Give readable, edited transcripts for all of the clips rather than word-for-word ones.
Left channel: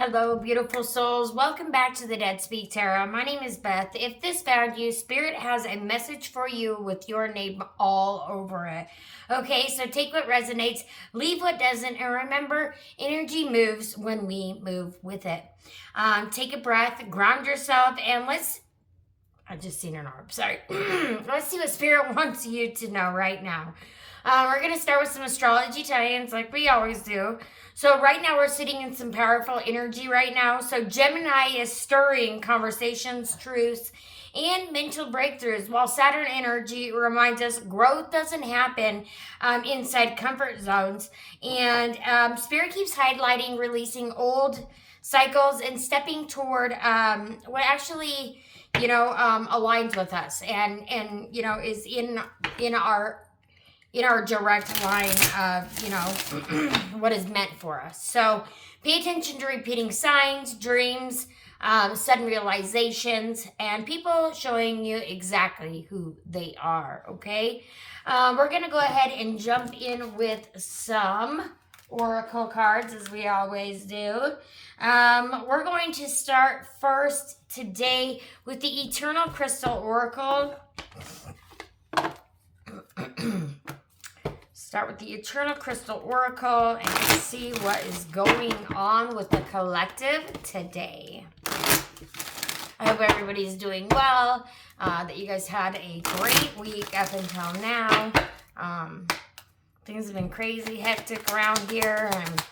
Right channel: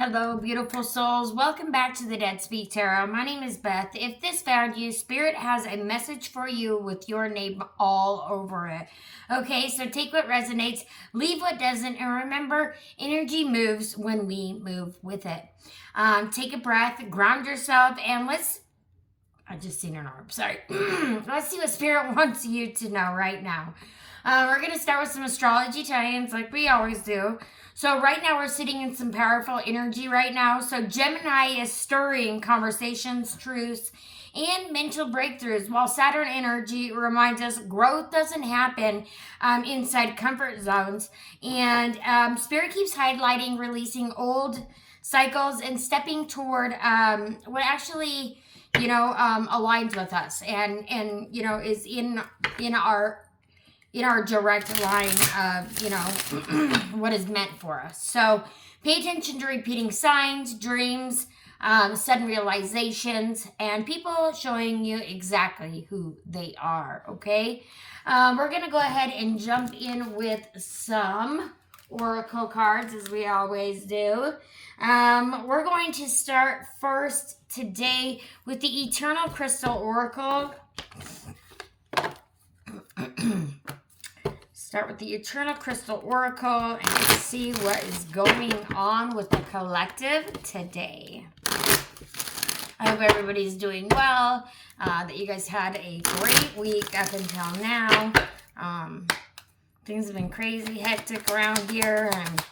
Hello, beautiful souls. Welcome back to the Dead Speak Tarot. My name is Beth. If this found you, Spirit has a message for you with your name all over it. Okay, so take what resonates, leave what doesn't, and remember, energy moves when we move with it. Take a breath, ground yourself, and I just seen an orb, sorry. Let's see what Spirit wants you to know right now. We're going to start with some astrology tie-ins like we always do. So right now we're sitting in some powerful energy right now. So Gemini is stirring conversations, truths, and mental breakthroughs, while Saturn energy reminds us growth doesn't happen inside comfort zones. And Spirit keeps highlighting releasing old cycles and stepping toward what actually, aligns with us and is in our direct line of, what is meant for us. So pay attention to repeating signs, dreams, sudden realizations, and people showing you exactly who they are, okay? We're going to go ahead and jump in with some oracle cards, as we always do. We're going to start first today with the Eternal Crystal Oracle. Start with the Eternal Crystal Oracle and see what is going on with the collective today. I hope everybody's doing well, that you guys had a great week up until now. Things have been crazy hectic around here and,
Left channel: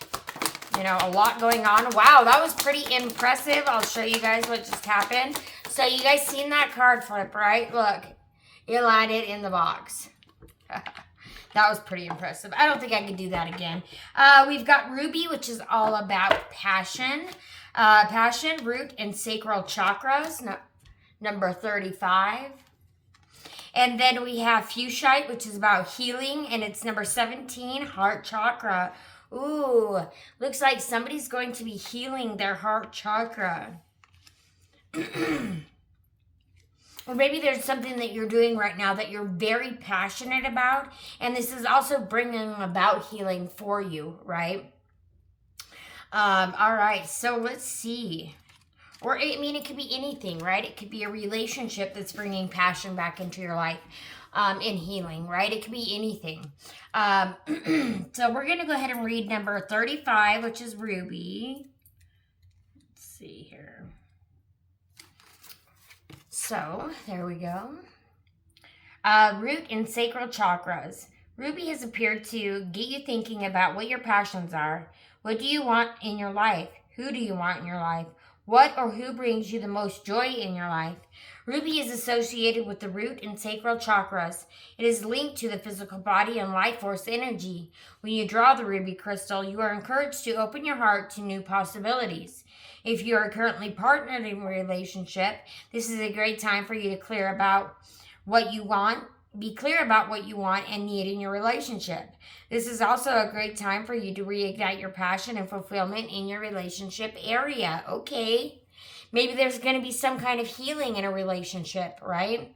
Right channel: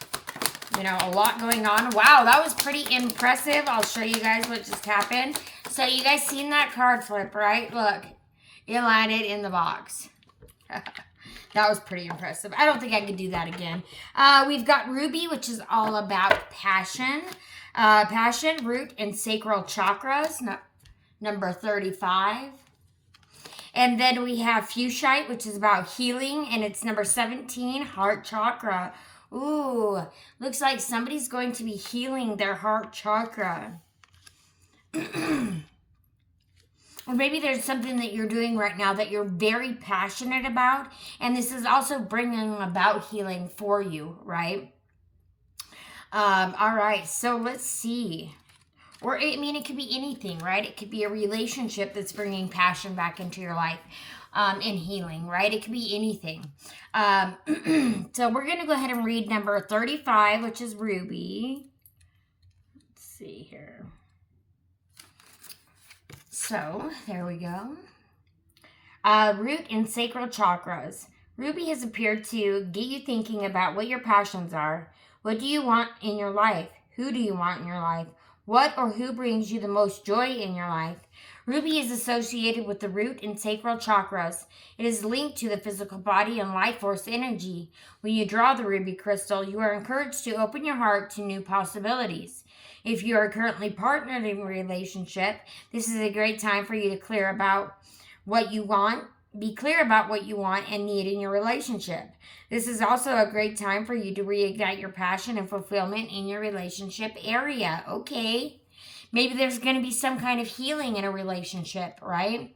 a lot going on. Wow, that was pretty impressive. I'll show you guys what just happened. So you guys seen that card flip, right? Look, it landed in the box. That was pretty impressive. I don't think I could do that again. We've got Ruby, which is all about passion. Passion, root, and sacral chakras, number 35. And then we have Fuchsite, which is about healing, and it's number 17, heart chakra. Ooh, looks like somebody's going to be healing their heart chakra. Or maybe there's something that you're doing right now that you're very passionate about. And this is also bringing about healing for you, right? All right, so let's see. Or, it could be anything, right? It could be a relationship that's bringing passion back into your life and healing, right? It could be anything. So we're going to go ahead and read number 35, which is Ruby. Let's see here. So, there we go. Root and sacral chakras. Ruby has appeared to get you thinking about what your passions are. What do you want in your life? Who do you want in your life? What or who brings you the most joy in your life? Ruby is associated with the root and sacral chakras. It is linked to the physical body and life force energy. When you draw the ruby crystal, you are encouraged to open your heart to new possibilities. If you are currently partnered in a relationship, this is a great time for you to be clear about what you want and need in your relationship. This is also a great time for you to reignite your passion and fulfillment in your relationship area. Okay. Maybe there's going to be some kind of healing in a relationship, right?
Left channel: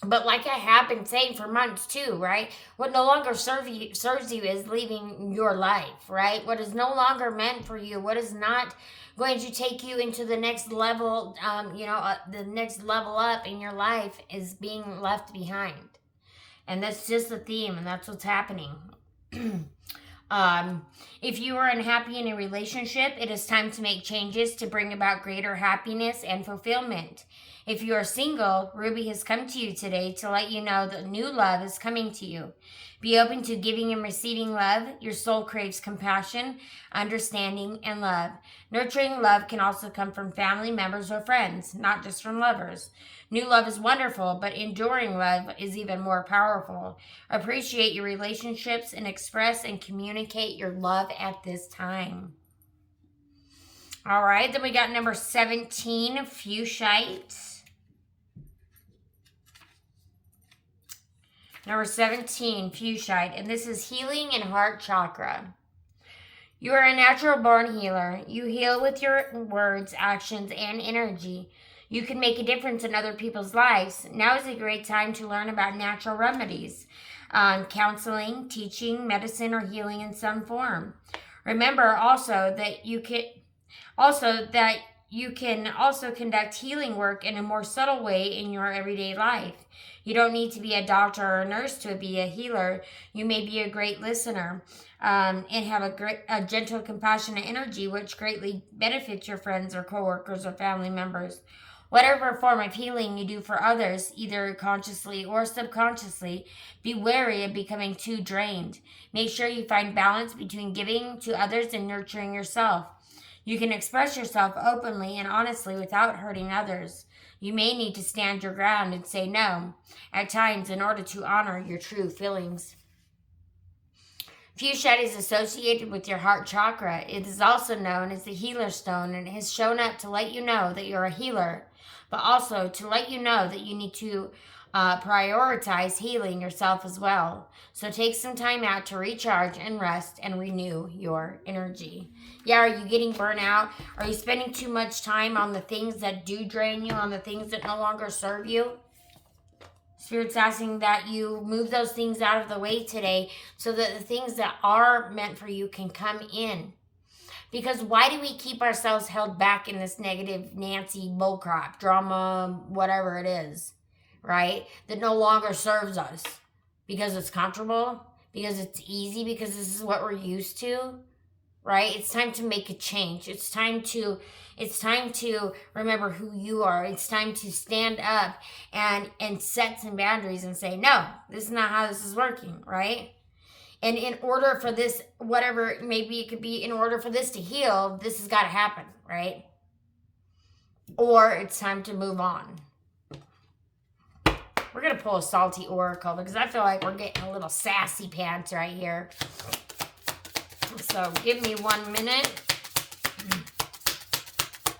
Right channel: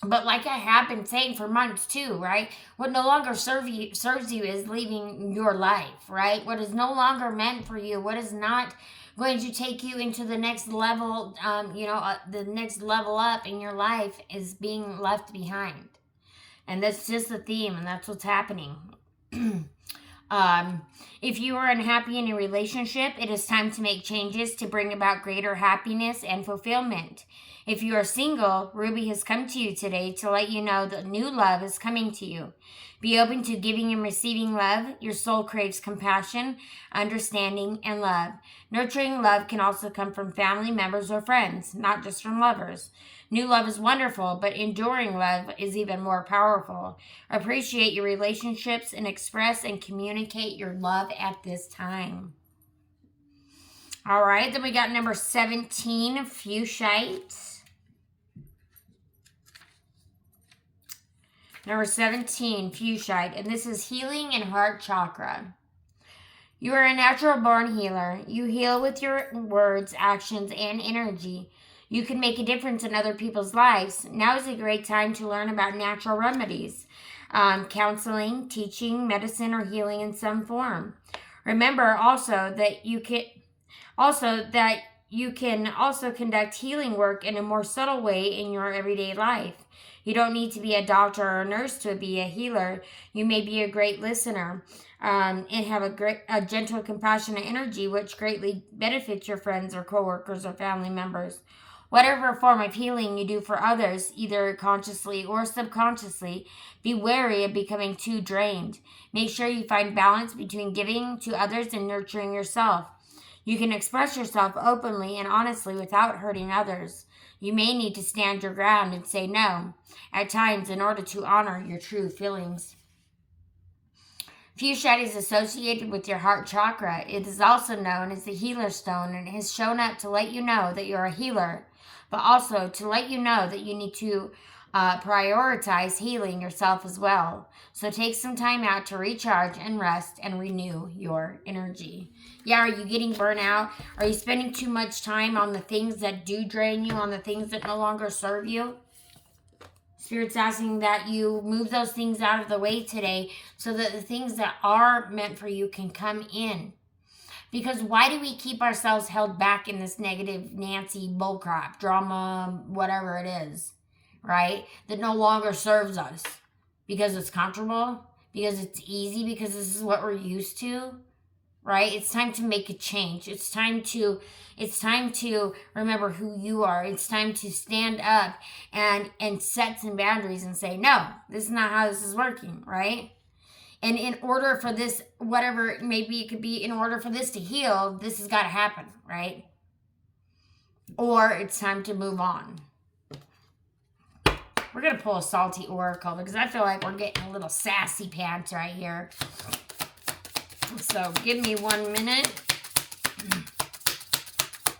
But like I have been saying for months too, right? What no longer serves you is leaving your life, right? What is no longer meant for you, what is not going to take you into the next level, the next level up in your life is being left behind. And that's just the theme, and that's what's happening. If you are unhappy in a relationship, it is time to make changes to bring about greater happiness and fulfillment. If you are single, Ruby has come to you today to let you know that new love is coming to you. Be open to giving and receiving love. Your soul craves compassion, understanding, and love. Nurturing love can also come from family members or friends, not just from lovers. New love is wonderful, but enduring love is even more powerful. Appreciate your relationships and express and communicate your love at this time. All right, then we got number 17, Fuchsite. Number 17, Fuchsite, and this is healing and heart chakra. You are a natural born healer. You heal with your words, actions, and energy. You can make a difference in other people's lives. Now is a great time to learn about natural remedies, counseling, teaching, medicine, or healing in some form. Remember also that you can also conduct healing work in a more subtle way in your everyday life. You don't need to be a doctor or a nurse to be a healer. You may be a great listener, and have a gentle, compassionate energy, which greatly benefits your friends or coworkers or family members. Whatever form of healing you do for others, either consciously or subconsciously, be wary of becoming too drained. Make sure you find balance between giving to others and nurturing yourself. You can express yourself openly and honestly without hurting others. You may need to stand your ground and say no at times in order to honor your true feelings. Fuchsia is associated with your heart chakra. It is also known as the healer stone, and it has shown up to let you know that you're a healer, but also to let you know that you need to prioritize healing yourself as well. So take some time out to recharge and rest and renew your energy. Yeah, are you getting burnout? Are you spending too much time on the things that do drain you, on the things that no longer serve you? Spirit's asking that you move those things out of the way today so that the things that are meant for you can come in. Because why do we keep ourselves held back in this negative Nancy bullcrap, drama, whatever it is, right? That no longer serves us. Because it's comfortable, because it's easy, because this is what we're used to, right? It's time to make a change. It's time to remember who you are. It's time to stand up and set some boundaries and say, no, this is not how this is working, right? And in order for this, whatever it may be, it could be in order for this to heal, this has got to happen, right? Or it's time to move on. We're going to pull a salty oracle because I feel like we're getting a little sassy pants right here. So give me 1 minute.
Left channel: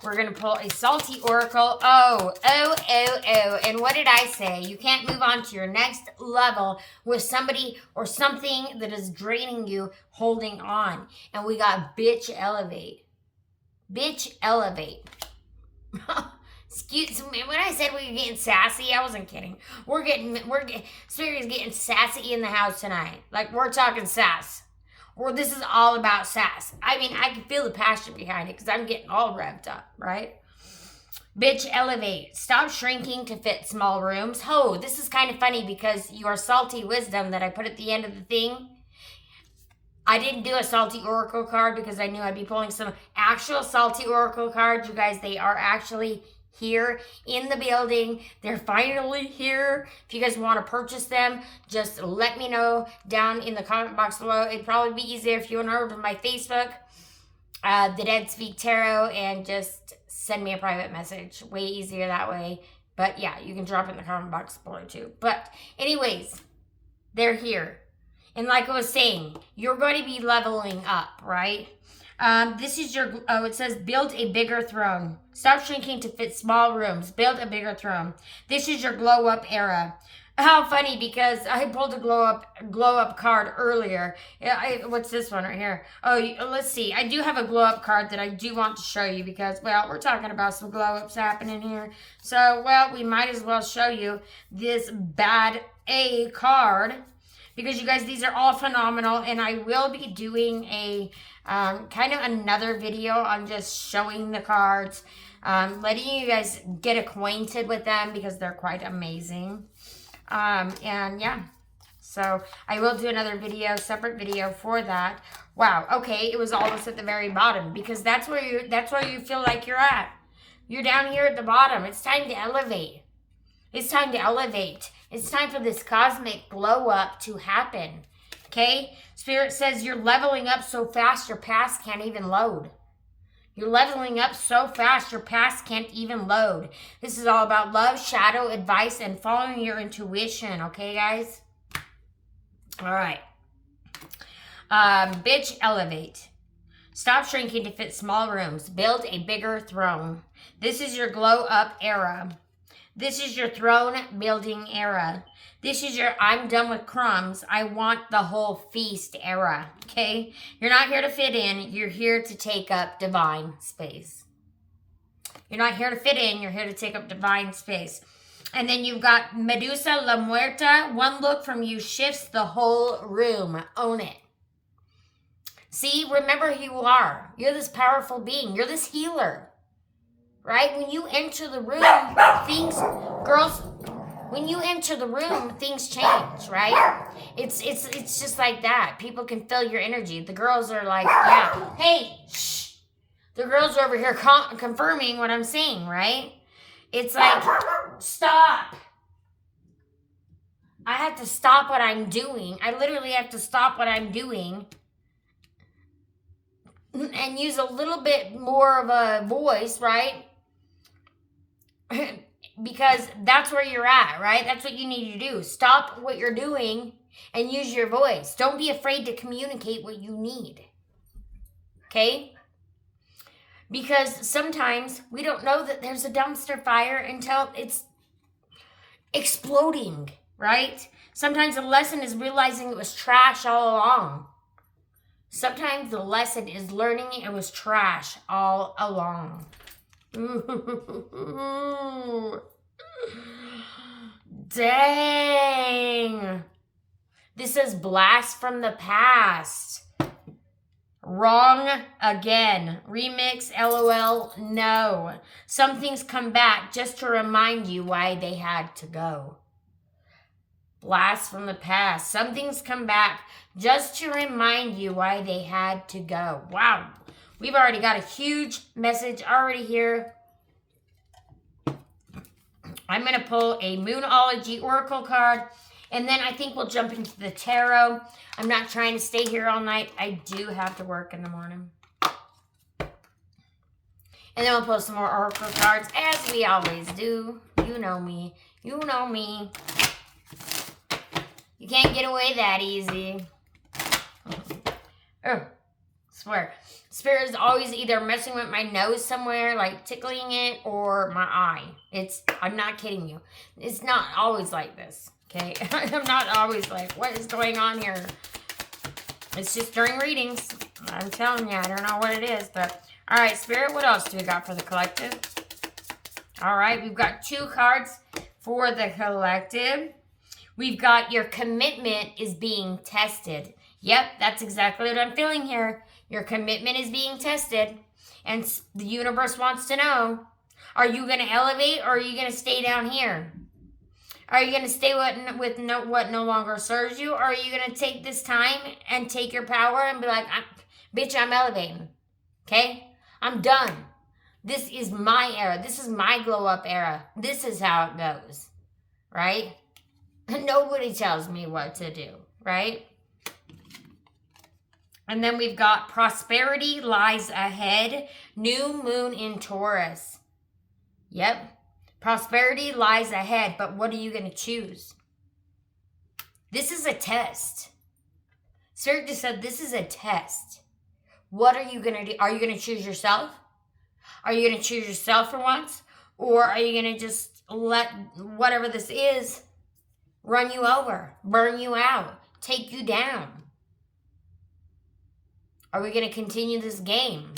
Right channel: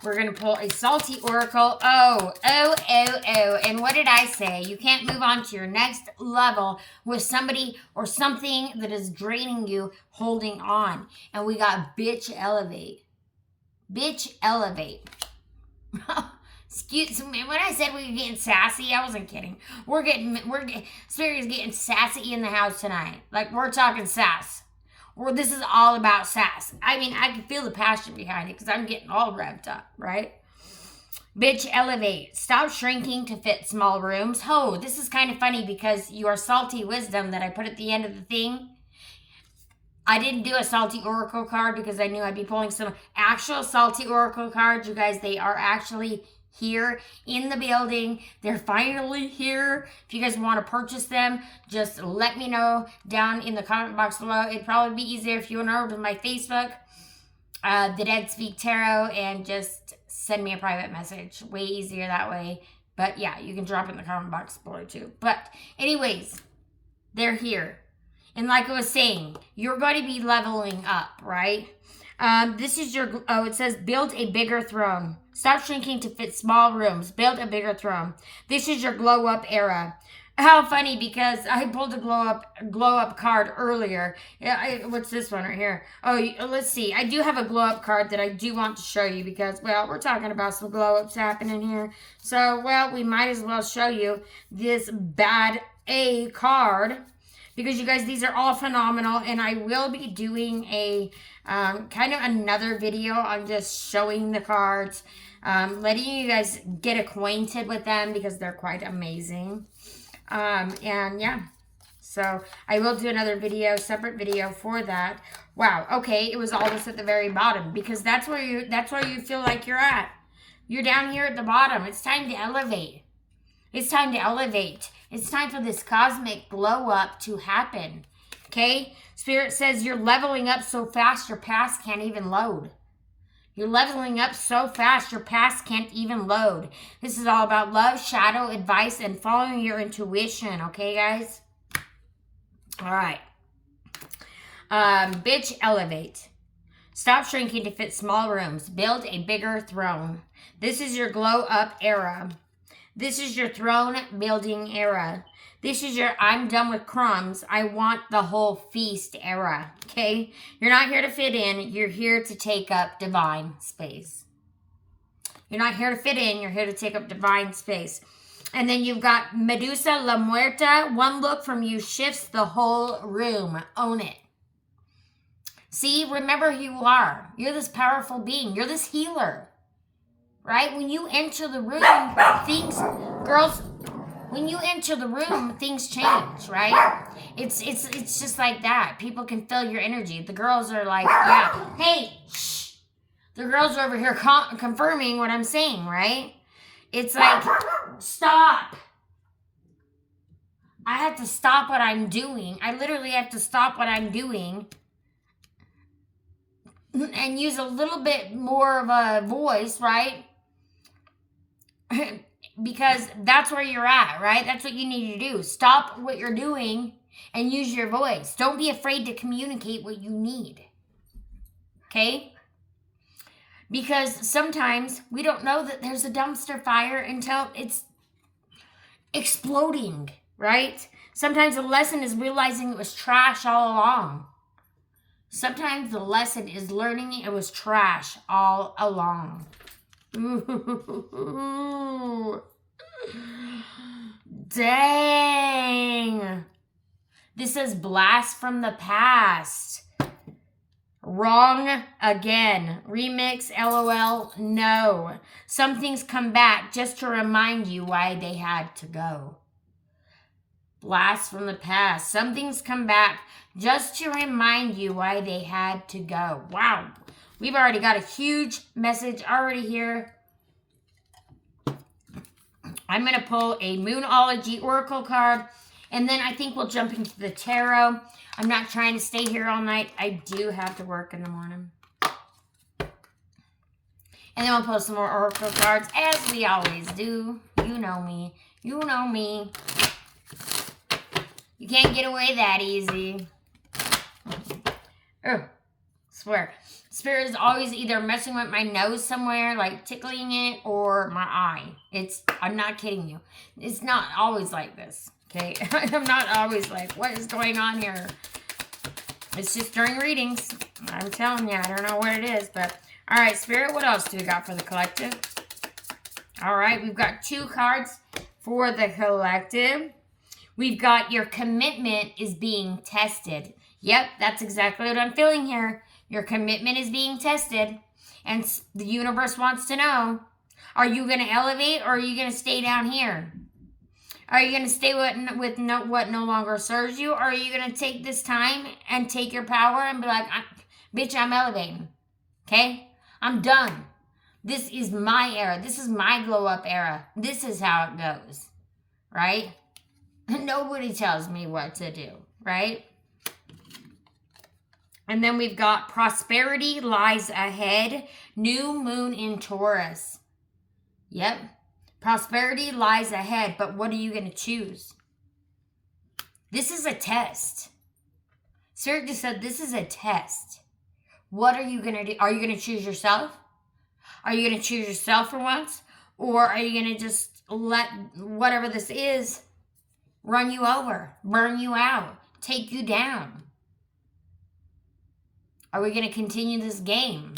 We're going to pull a salty oracle. Oh. And what did I say? You can't move on to your next level with somebody or something that is draining you holding on. And we got bitch elevate. Bitch elevate. Excuse me. When I said we were getting sassy, I wasn't kidding. Spirit is getting sassy in the house tonight. Like, we're talking sass. Or this is all about sass. I mean, I can feel the passion behind it because I'm getting all revved up, right? Bitch, elevate. Stop shrinking to fit small rooms. Oh, this is kind of funny because your salty wisdom that I put at the end of the thing, I didn't do a salty oracle card because I knew I'd be pulling some actual salty oracle cards. You guys, they are actually here in the building. They're finally here. If you guys want to purchase them, just let me know down in the comment box below. It'd probably be easier if you went over to my Facebook, The Dead Speak Tarot, and just send me a private message. Way easier that way. But yeah, you can drop it in the comment box below too. But anyways, they're here. And like I was saying, you're going to be leveling up, right? This is your, it says build a bigger throne. Stop shrinking to fit small rooms. Build a bigger throne. This is your glow up era. How funny, because I pulled a glow up card earlier. What's this one right here? Oh, let's see. I do have a glow up card that I do want to show you because, well, we're talking about some glow ups happening here. So, well, we might as well show you this bad A card because you guys, these are all phenomenal, and I will be doing a kind of another video on just showing the cards, letting you guys get acquainted with them because they're quite amazing. And yeah, so I will do another video, separate video for that. Wow. Okay. It was almost at the very bottom because that's where you feel like you're at. You're down here at the bottom. It's time to elevate. It's time to elevate. It's time for this cosmic glow up to happen. Okay. Spirit says you're leveling up so fast your past can't even load. You're leveling up so fast your past can't even load. This is all about love, shadow, advice, and following your intuition. Okay, guys? All right. Bitch, elevate. Stop shrinking to fit small rooms. Build a bigger throne. This is your glow up era. This is your throne building era. This is your I'm done with crumbs, I want the whole feast era, okay? You're not here to fit in. You're here to take up divine space. You're not here to fit in. You're here to take up divine space. And then you've got Medusa La Muerta. One look from you shifts the whole room. Own it. See, remember who you are. You're this powerful being. You're this healer. Right? When you enter the room, when you enter the room, things change, right? It's just like that. People can feel your energy. The girls are like, yeah, hey, shh. The girls are over here confirming what I'm saying, right? It's like, stop. I have to stop what I'm doing. I literally have to stop what I'm doing and use a little bit more of a voice, right? Because that's where you're at, right? That's what you need to do. Stop what you're doing and use your voice. Don't be afraid to communicate what you need. Okay? Because sometimes we don't know that there's a dumpster fire until it's exploding, right? Sometimes the lesson is realizing it was trash all along. Sometimes the lesson is learning it was trash all along. Ooh. Dang. This is blast from the past. Wrong again. Remix, LOL, no. Some things come back just to remind you why they had to go. Blast from the past. Some things come back just to remind you why they had to go. Wow. We've already got a huge message already here. I'm going to pull a Moonology Oracle card, and then I think we'll jump into the tarot. I'm not trying to stay here all night. I do have to work in the morning. And then we'll pull some more Oracle cards, as we always do. You know me. You know me. You can't get away that easy. Oh, swear. Spirit is always either messing with my nose somewhere, like tickling it, or my eye. I'm not kidding you. It's not always like this, okay? I'm not always like, what is going on here? It's just during readings. I'm telling you, I don't know what it is, but... All right, Spirit, what else do we got for the collective? All right, we've got 2 cards for the collective. We've got your commitment is being tested. Yep, that's exactly what I'm feeling here. Your commitment is being tested, and the universe wants to know, are you going to elevate, or are you going to stay down here? Are you going to stay with what no longer serves you, or are you going to take this time and take your power and be like, bitch, I'm elevating, okay? I'm done. This is my era. This is my glow up era. This is how it goes, right? Nobody tells me what to do, right? And then we've got prosperity lies ahead. New moon in Taurus. Yep. Prosperity lies ahead, but what are you going to choose? This is a test. Spirit just said this is a test. What are you going to do? Are you going to choose yourself? Are you going to choose yourself for once? Or are you going to just let whatever this is run you over, burn you out, take you down? Are we going to continue this game?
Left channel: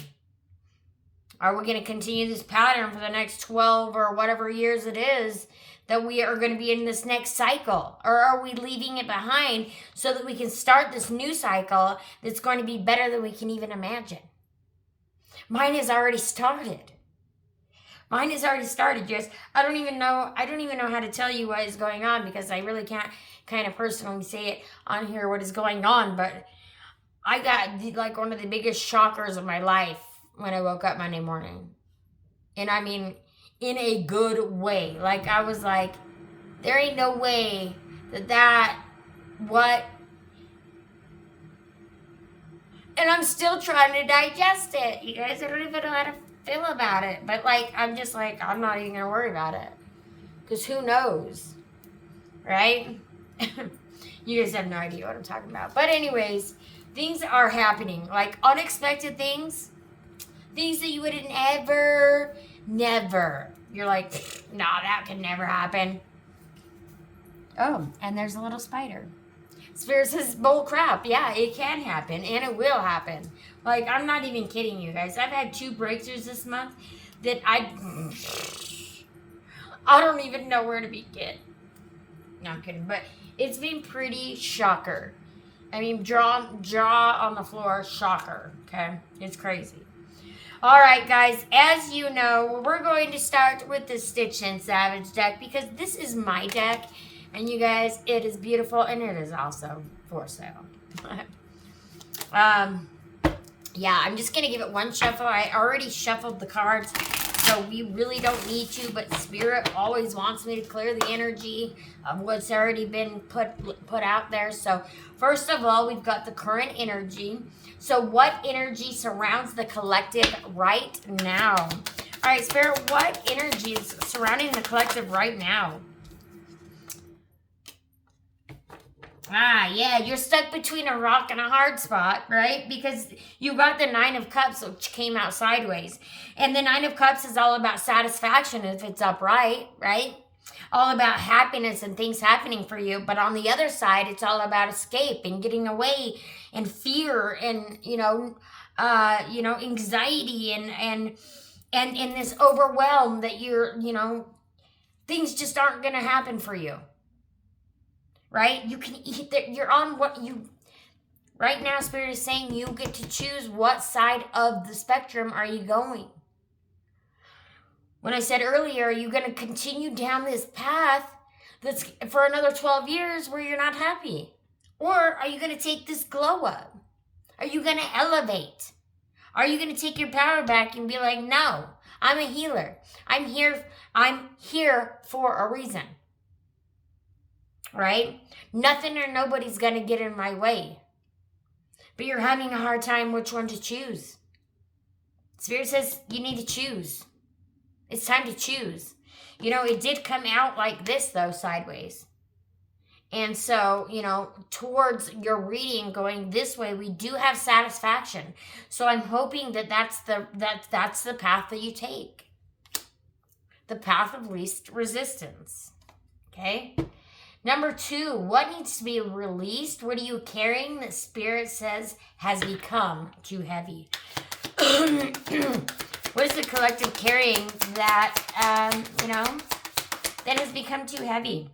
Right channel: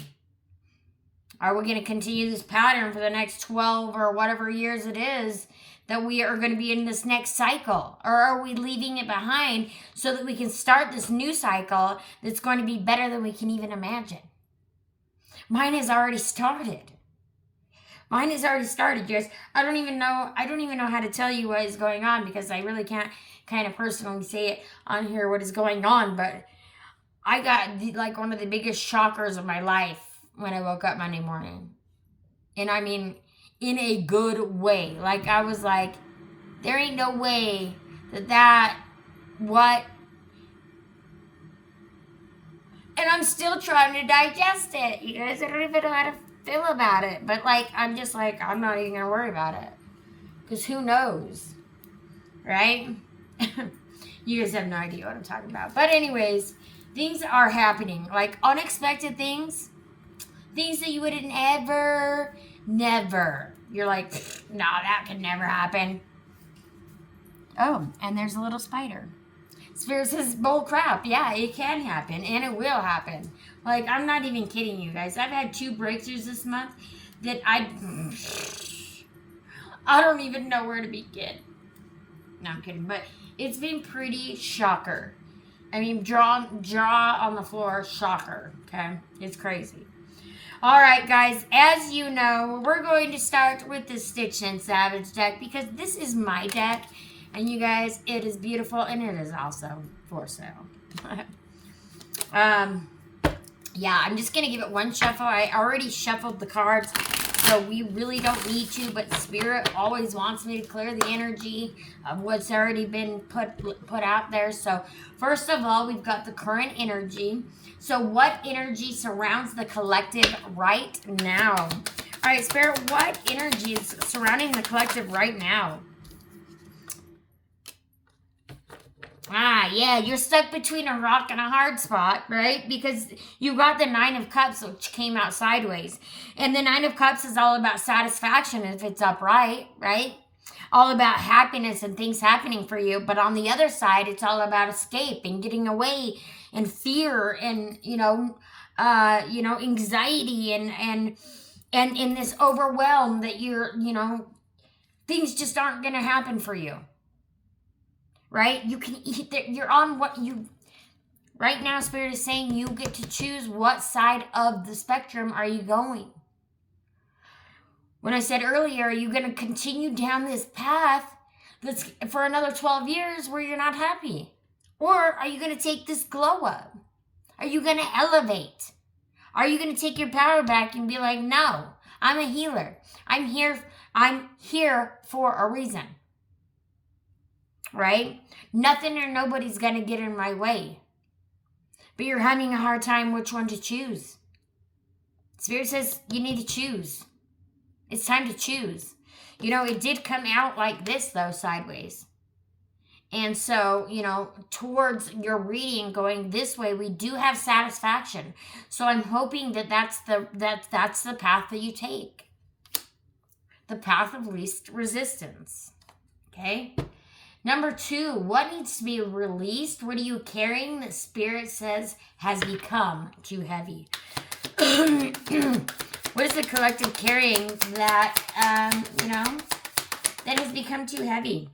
Are we going to continue this pattern for the next 12 or whatever years it is that we are going to be in this next cycle? Or are we leaving it behind so that we can start this new cycle that's going to be better than we can even imagine? Mine has already started. Mine has already started, guys. I don't even know how to tell you what is going on, because I really can't kind of personally say it on here what is going on, but I got like one of the biggest shockers of my life when I woke up Monday morning. And I mean, in a good way. Like, I was like, there ain't no way what? And I'm still trying to digest it. You guys, I don't even know how to feel about it. But like, I'm just like, I'm not even going to worry about it. Because who knows? Right? You guys have no idea what I'm talking about. But anyways, things are happening. Like, unexpected things. Things that you would never. You're like, nah, that could never happen. Oh, and there's a little spider. Spirit says, bull crap. Yeah, it can happen, and it will happen. Like, I'm not even kidding you guys. I've had 2 breakthroughs this month that I don't even know where to begin. No, I'm kidding. But it's been pretty shocker. I mean, jaw on the floor, shocker. Okay, it's crazy. All right, guys, as you know, we're going to start with the Stitch and Savage deck because this is my deck. And you guys, it is beautiful and it is also for sale. Yeah, I'm just going to give it one shuffle. I already shuffled the cards, so we really don't need to, but Spirit always wants me to clear the energy of what's already been put out there. So first of all, we've got the current energy. So what energy surrounds the collective right now? All right, Spirit, what energy is surrounding the collective right now? Yeah, you're stuck between a rock and a hard spot, right? Because you got the Nine of Cups, which came out sideways. And the Nine of Cups is all about satisfaction if it's upright, right? All about happiness and things happening for you. But on the other side, it's all about escape and getting away and fear and, anxiety and in this overwhelm that things just aren't going to happen for you. Right? You can eat that. You're on what you, right now, Spirit is saying you get to choose what side of the spectrum are you going. When I said earlier, are you going to continue down this path that's for another 12 years where you're not happy? Or are you going to take this glow up? Are you going to elevate? Are you going to take your power back and be like, no, I'm a healer. I'm here for a reason. Right? Nothing or nobody's going to get in my way. But you're having a hard time which one to choose. Spirit says you need to choose. It's time to choose. It did come out like this, though, sideways. And so, towards your reading going this way, we do have satisfaction. So I'm hoping that that's the path that you take. The path of least resistance. Okay? Number 2, what needs to be released? What are you carrying that Spirit says has become too heavy? What is the collective carrying that, that has become too heavy?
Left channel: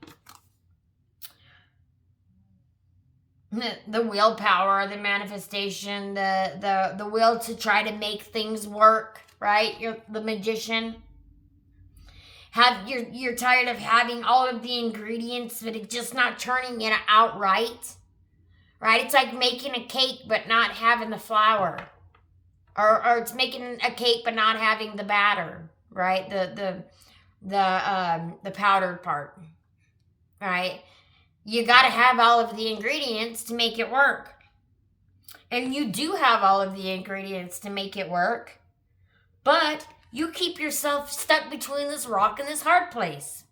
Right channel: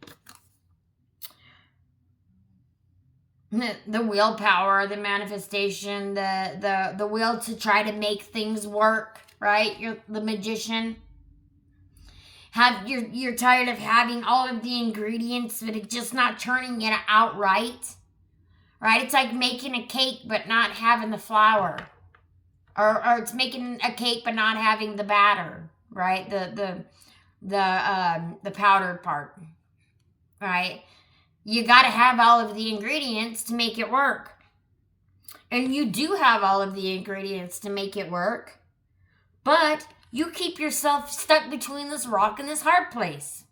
The willpower, the manifestation, the will to try to make things work, right? You're the Magician. You're tired of having all of the ingredients, but it's just not turning it out right. It's like making a cake but not having the flour, or it's making a cake but not having the batter, right? The powdered part, right? You got to have all of the ingredients to make it work, and you do have all of the ingredients to make it work, but you keep yourself stuck between this rock and this hard place.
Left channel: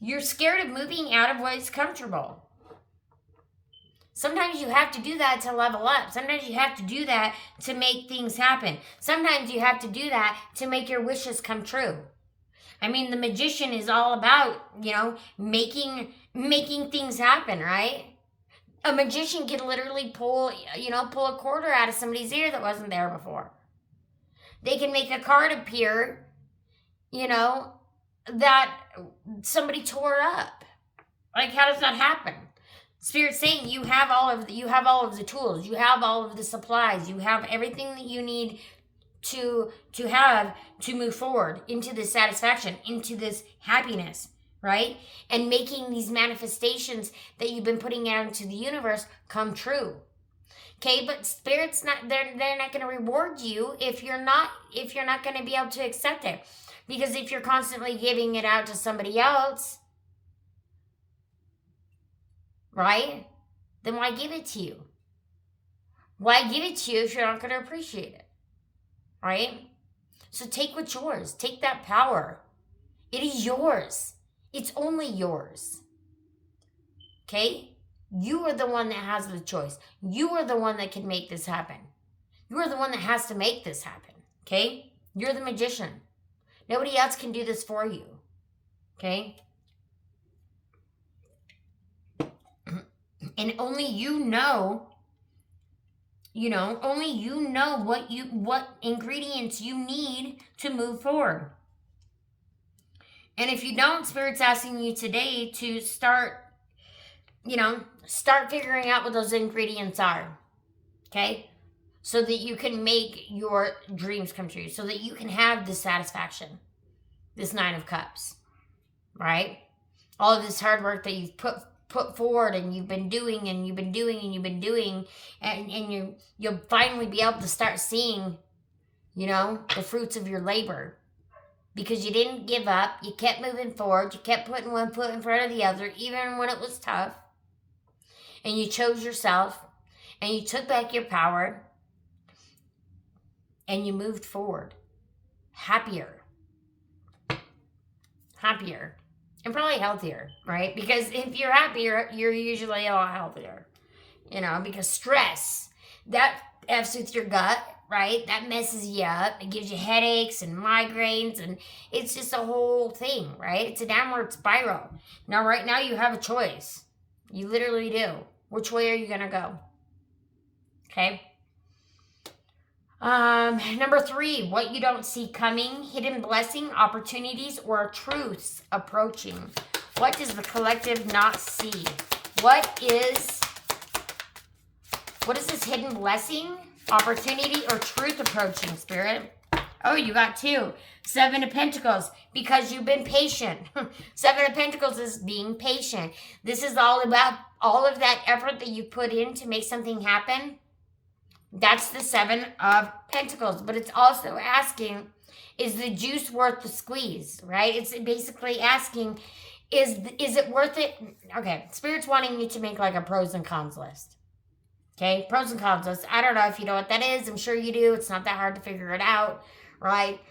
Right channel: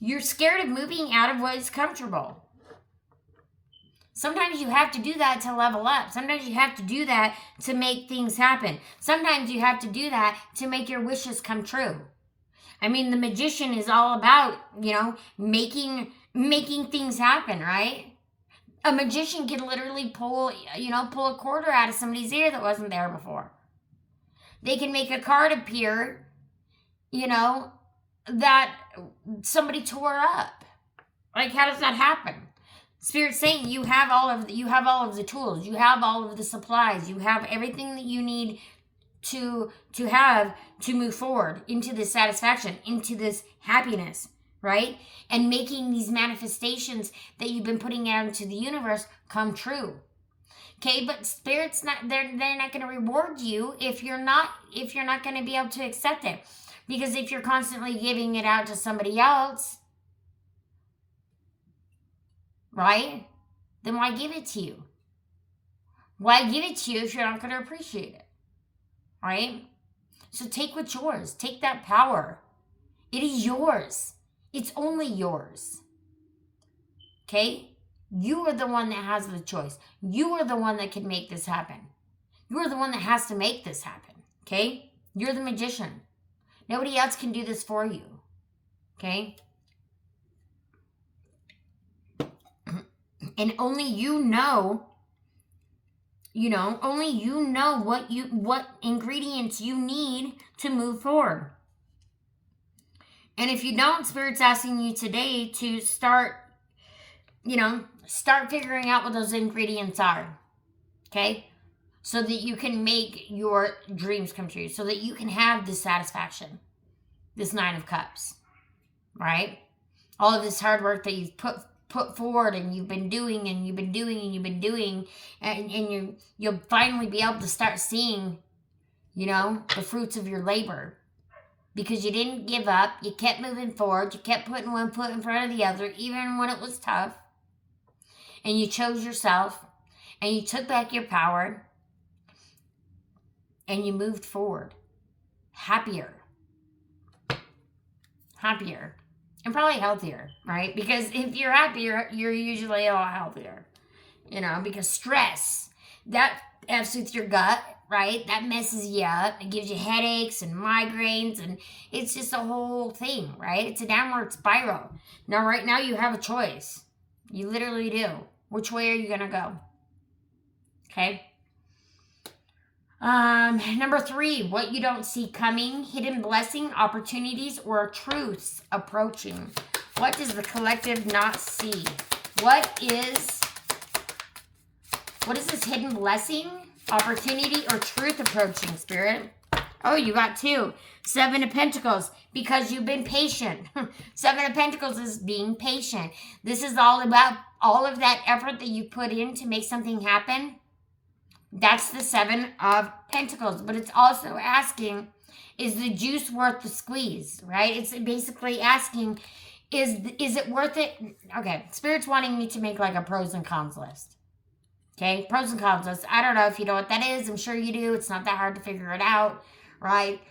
You're scared of moving out of what is comfortable. Sometimes you have to do that to level up. Sometimes you have to do that to make things happen. Sometimes you have to do that to make your wishes come true. I mean, the Magician is all about, making things happen, right? A magician can literally pull a quarter out of somebody's ear that wasn't there before. They can make a card appear, that somebody tore up. Like, how does that happen? Spirit's saying you have all of the tools, you have all of the supplies, you have everything that you need to have to move forward into this satisfaction, into this happiness, right? And making these manifestations that you've been putting out into the universe come true. Okay, but Spirit's not, they're not going to reward you if you're not going to be able to accept it. Because if you're constantly giving it out to somebody else, right? Then why give it to you? Why give it to you if you're not going to appreciate it? Right? So take what's yours. Take that power. It is yours. It's only yours. Okay? You are the one that has the choice. You are the one that can make this happen. You are the one that has to make this happen. Okay? You're the Magician. Nobody else can do this for you. Okay? And only you know what ingredients you need to move forward. And if you don't, Spirit's asking you today to start start figuring out what those ingredients are. Okay? So that you can make your dreams come true. So that you can have this satisfaction. This Nine of Cups. Right? All of this hard work that you've put forward, and you've been doing, and you've been doing, and you've been doing, and you'll finally be able to start seeing, the fruits of your labor. Because you didn't give up. You kept moving forward. You kept putting one foot in front of the other, even when it was tough. And you chose yourself. And you took back your power. And you moved forward. Happier. And probably healthier, right? Because if you're happier, you're usually a lot healthier. Because stress, that F's with your gut, right? That messes you up. It gives you headaches and migraines, and it's just a whole thing, right? It's a downward spiral. Now, right now, you have a choice. You literally do. Which way are you going to go? Okay? Number 3, what you don't see coming, hidden blessing, opportunities, or truths approaching. What does the collective not see? What is this hidden blessing, opportunity, or truth approaching, Spirit? Oh, you got 2. 7 of Pentacles, because you've been patient. 7 of Pentacles is being patient. This is all about all of that effort that you put in to make something happen. That's the 7 of Pentacles. But it's also asking, is the juice worth the squeeze, right? It's basically asking, is it worth it? Okay, Spirit's wanting me to make like a pros and cons list. Okay, pros and cons list. I don't know if you know what that is. I'm sure you do. It's not that hard to figure it out, right?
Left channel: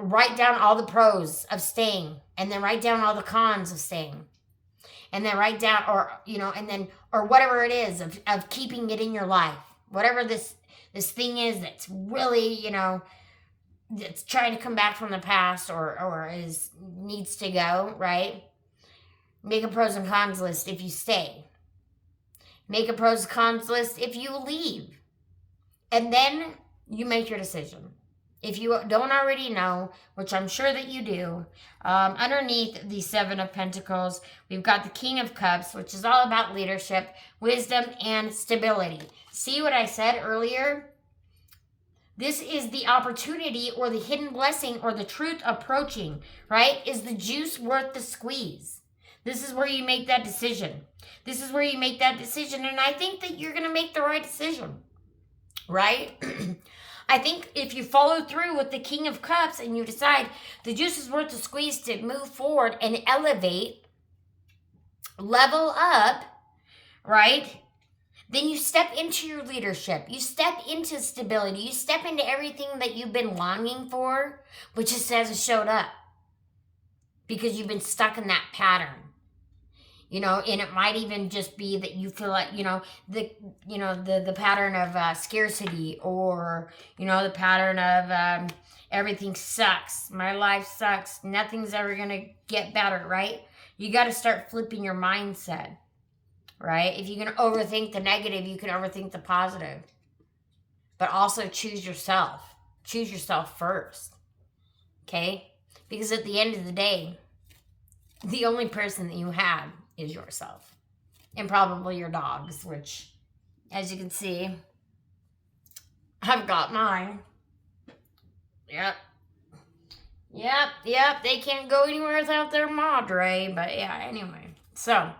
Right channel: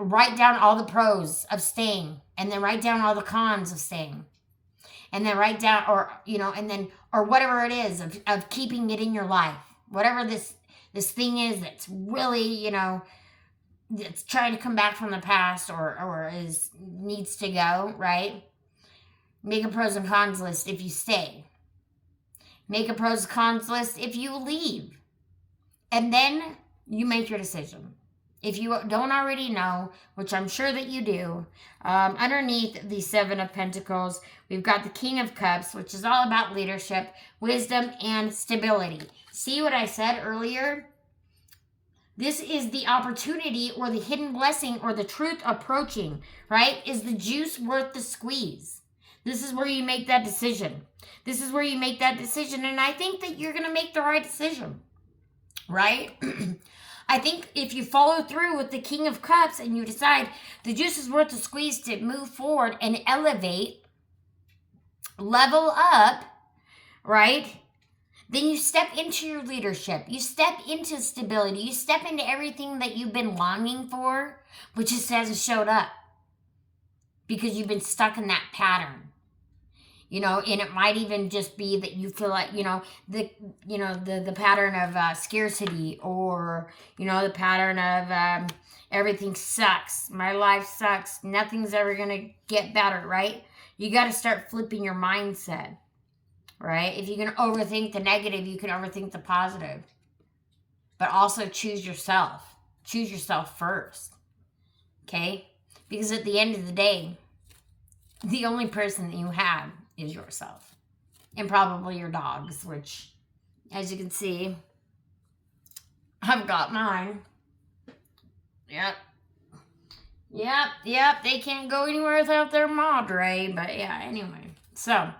Write down all the pros of staying, and then write down all the cons of staying. And then write down, or whatever it is of keeping it in your life. Whatever this thing is that's really, that's trying to come back from the past or needs to go, right? Make a pros and cons list if you stay. Make a pros and cons list if you leave. And then you make your decision. If you don't already know, which I'm sure that you do, underneath the 7 of Pentacles, we've got the King of Cups, which is all about leadership, wisdom, and stability. See what I said earlier? This is the opportunity or the hidden blessing or the truth approaching, right? Is the juice worth the squeeze? This is where you make that decision. This is where you make that decision. And I think that you're going to make the right decision, right? I think if you follow through with the King of Cups and you decide the juice is worth the squeeze to move forward and elevate, level up, right? Then you step into your leadership. You step into stability. You step into everything that you've been longing for, but just hasn't showed up because you've been stuck in that pattern. And it might even just be that you feel like, the pattern of scarcity, or, the pattern of everything sucks. My life sucks. Nothing's ever going to get better, right? You got to start flipping your mindset, right? If you can overthink the negative, you can overthink the positive. But also choose yourself. Choose yourself first, okay? Because at the end of the day, the only person that you have is yourself, and probably your dogs, which, as you can see, I've got mine. Yep, they can't go anywhere without their madre, but yeah, anyway. So,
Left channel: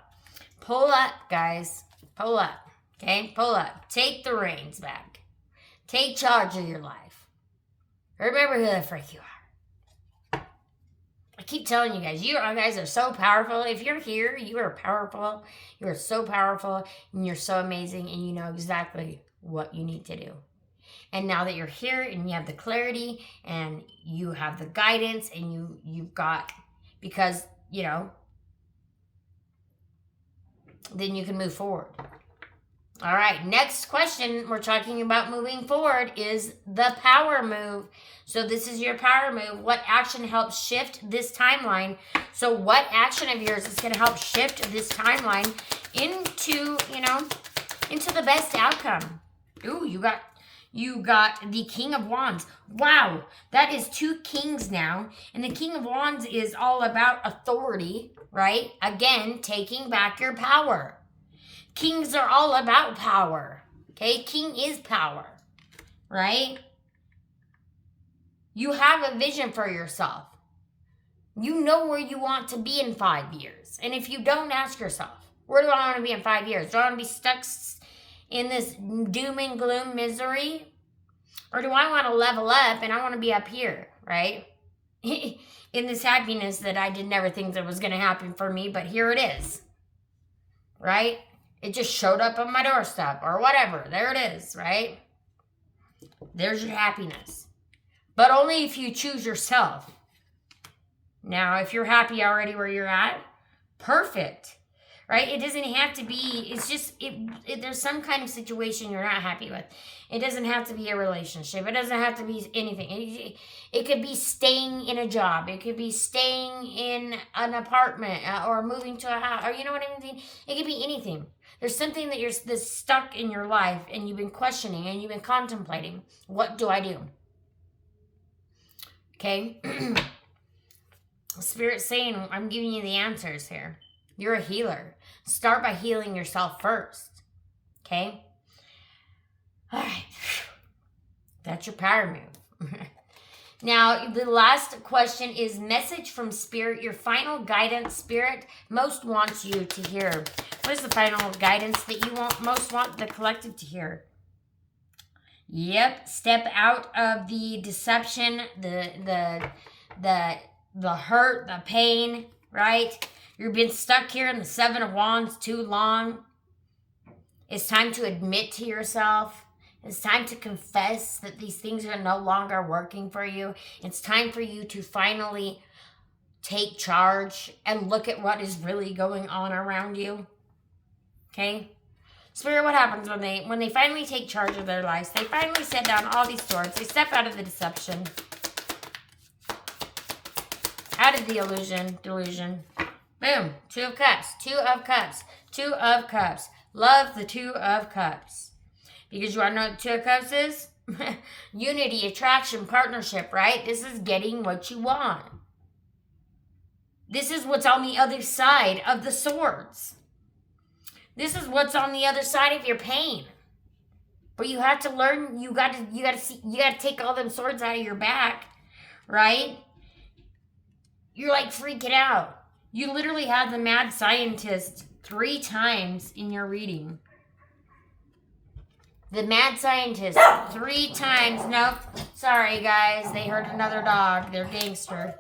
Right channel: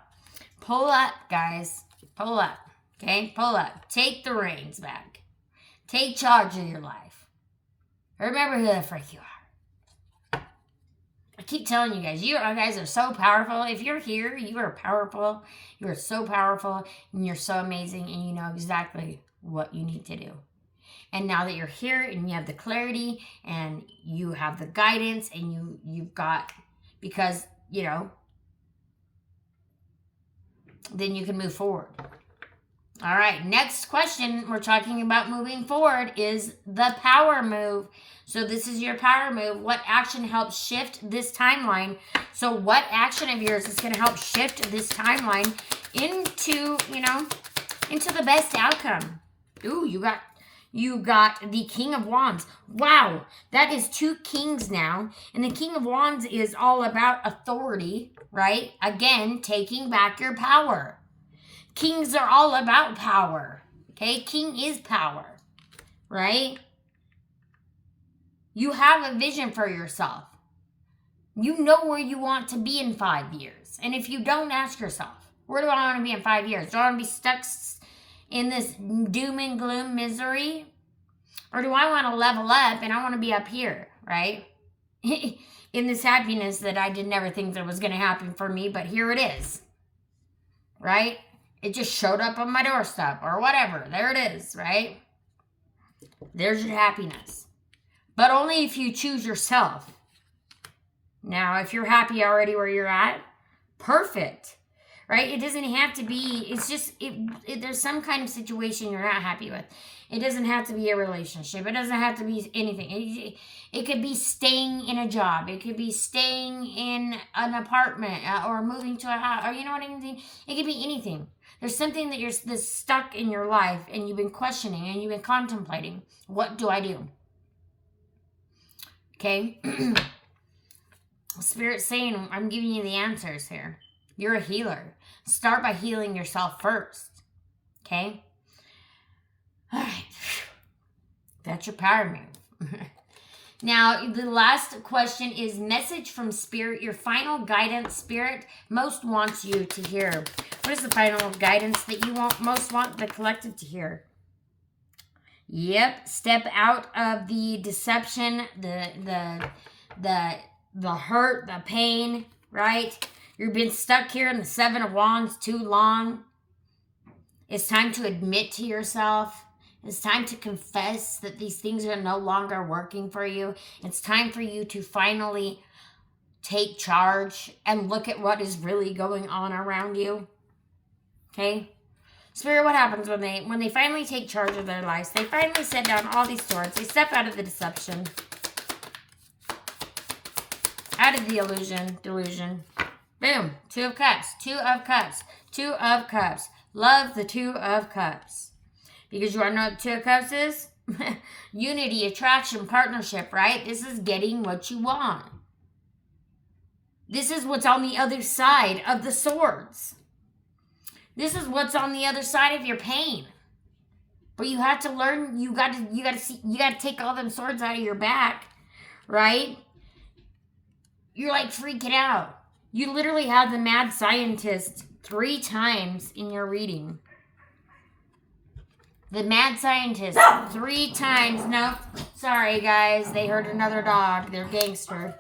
pull up, guys. Pull up, okay? Pull up. Take the reins back. Take charge of your life. Remember who the frick you are. I keep telling you guys, you guys are so powerful. If you're here, you are powerful. You are so powerful, and you're so amazing, and you know exactly what you need to do. And now that you're here, and you have the clarity, and you have the guidance, and you've got, because, then you can move forward. All right, next question we're talking about moving forward is the power move. So this is your power move. What action helps shift this timeline? So what action of yours is going to help shift this timeline into, into the best outcome? Ooh, you got the King of Wands. Wow, that is 2 kings now. And the King of Wands is all about authority, right? Again, taking back your power. Kings are all about power. Okay? King is power. Right? You have a vision for yourself. You know where you want to be in 5 years. And if you don't, ask yourself, where do I want to be in 5 years? Do I want to be stuck in this doom and gloom misery? Or do I want to level up and I want to be up here, right? In this happiness that I did never think that was going to happen for me, but here it is, right? It just showed up on my doorstep or whatever. There it is, right? There's your happiness. But only if you choose yourself. Now, if you're happy already where you're at, perfect, right? It doesn't have to be, it's just, there's some kind of situation you're not happy with. It doesn't have to be a relationship. It doesn't have to be anything. It could be staying in a job. It could be staying in an apartment or moving to a house, or you know what I mean? It could be anything. There's something that's stuck in your life and you've been questioning and you've been contemplating. What do I do? Okay? Spirit's saying, I'm giving you the answers here. You're a healer. Start by healing yourself first. Okay? All right. That's your power move. Now, the last question is message from Spirit, your final guidance Spirit most wants you to hear. What is the final guidance that you most want the collective to hear? Yep. Step out of the deception, the hurt, the pain, right? You've been stuck here in the Seven of Wands too long. It's time to admit to yourself. It's time to confess that these things are no longer working for you. It's time for you to finally take charge and look at what is really going on around you. Okay? Spirit, what happens when they finally take charge of their lives? They finally set down all these swords. They step out of the deception. Out of the delusion. Boom. Two of Cups. Two of Cups. Two of Cups. Love the Two of Cups. Because you want to know what the Two of Cups is? Unity, attraction, partnership, right? This is getting what you want. This is what's on the other side of the swords. This is what's on the other side of your pain. But you have to learn, you got to take all them swords out of your back, right? You're like freaking out. You literally had the mad scientist 3 times in your reading. The mad scientist 3 times. Nope. Sorry, guys. They heard another dog. They're gangster.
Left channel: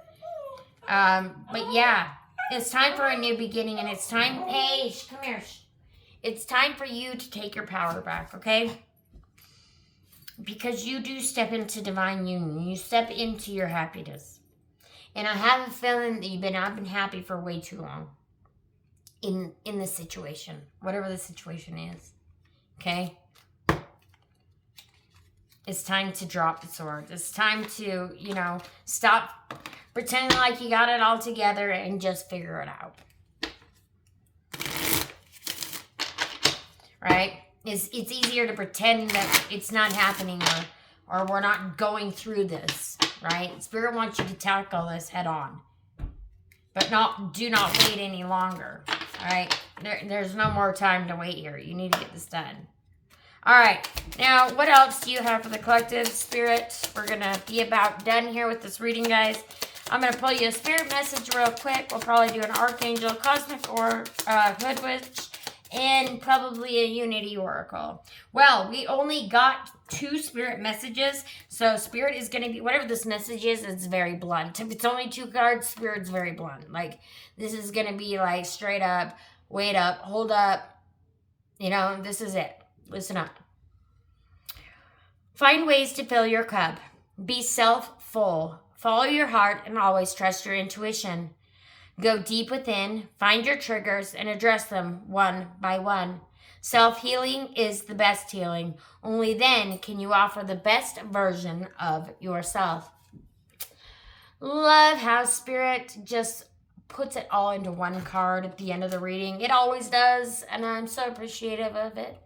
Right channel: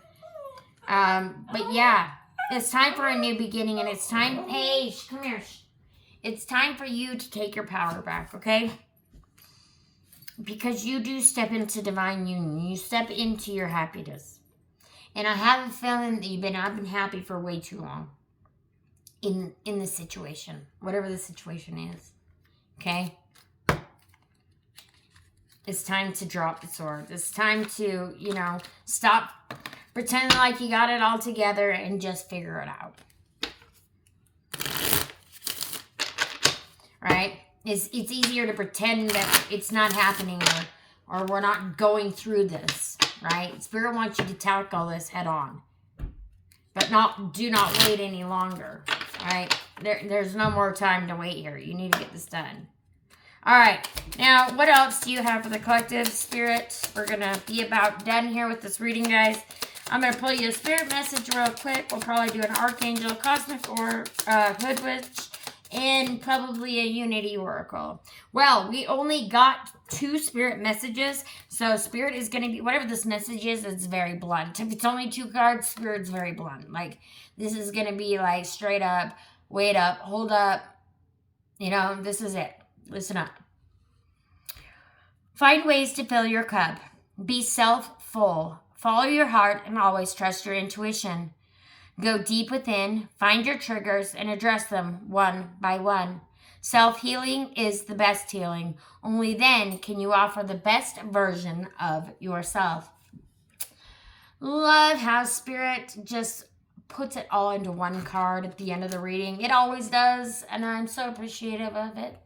But yeah, it's time for a new beginning, and it's time. Hey, come here. It's time for you to take your power back, okay? Because you do step into divine union. You step into your happiness. And I have a feeling that you've been unhappy for way too long in this situation, whatever the situation is, okay? It's time to drop the sword. It's time to, stop pretending like you got it all together and just figure it out. Right? It's easier to pretend that it's not happening or we're not going through this, right? Spirit wants you to tackle this head on. But do not wait any longer, right? There's no more time to wait here. You need to get this done. All right. Now, what else do you have for the collective Spirit? We're going to be about done here with this reading, guys. I'm going to pull you a Spirit message real quick. We'll probably do an Archangel, Cosmic, or Hood Witch, and probably a Unity Oracle. Well, we only got 2 Spirit messages, so Spirit is going to be, whatever this message is, it's very blunt. If it's only 2 cards, Spirit's very blunt. Like, this is going to be like straight up, wait up, hold up. This is it. Listen up. Find ways to fill your cup. Be self-full. Follow your heart and always trust your intuition. Go deep within, find your triggers, and address them one by one. Self-healing is the best healing. Only then can you offer the best version of yourself. Love how Spirit just puts it all into one card at the end of the reading. It always does, and I'm so appreciative of it.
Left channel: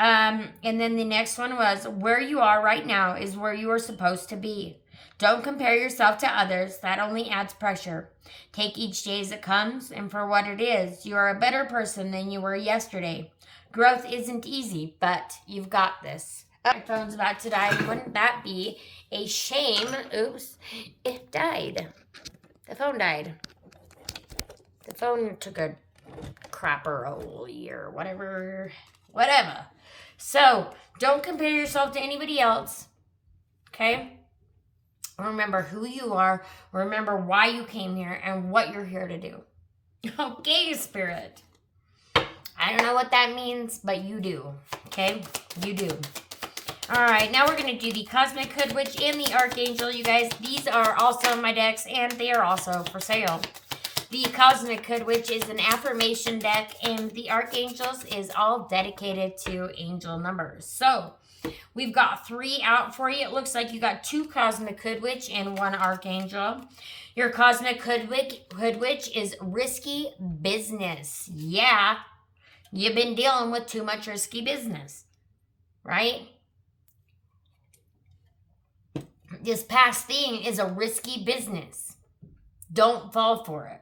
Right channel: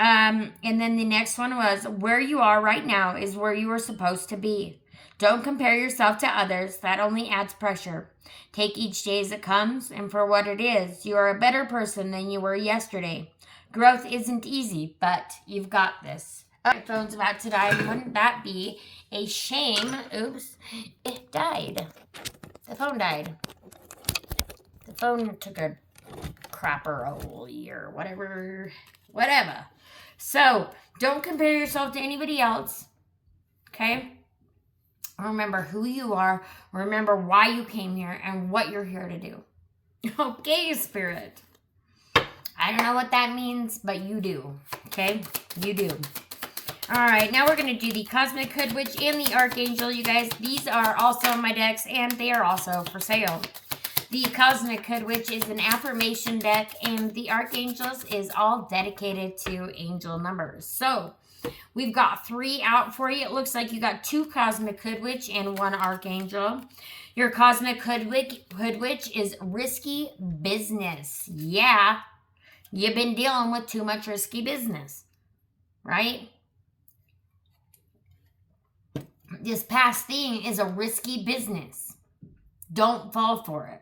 And then the next one was, where you are right now is where you are supposed to be. Don't compare yourself to others. That only adds pressure. Take each day as it comes and for what it is. You are a better person than you were yesterday. Growth isn't easy, but you've got this. My phone's about to die. Wouldn't that be a shame? Oops. It died. The phone died. The phone took a crapper-oly or whatever. Whatever. So, don't compare yourself to anybody else. Okay? Remember who you are. Remember why you came here and what you're here to do. Okay, Spirit. I don't know what that means, but you do. Okay? You do. All right, now we're going to do the Cosmic Hood Witch and the Archangel, you guys. These are also in my decks, and they are also for sale. The Cosmic Hood Witch is an affirmation deck, and the Archangels is all dedicated to angel numbers. So, we've got 3 out for you. It looks like you got 2 Cosmic Hood Witch and 1 Archangel. Your Cosmic Hood Witch is risky business. Yeah, you've been dealing with too much risky business, right? This past thing is a risky business. Don't fall for it.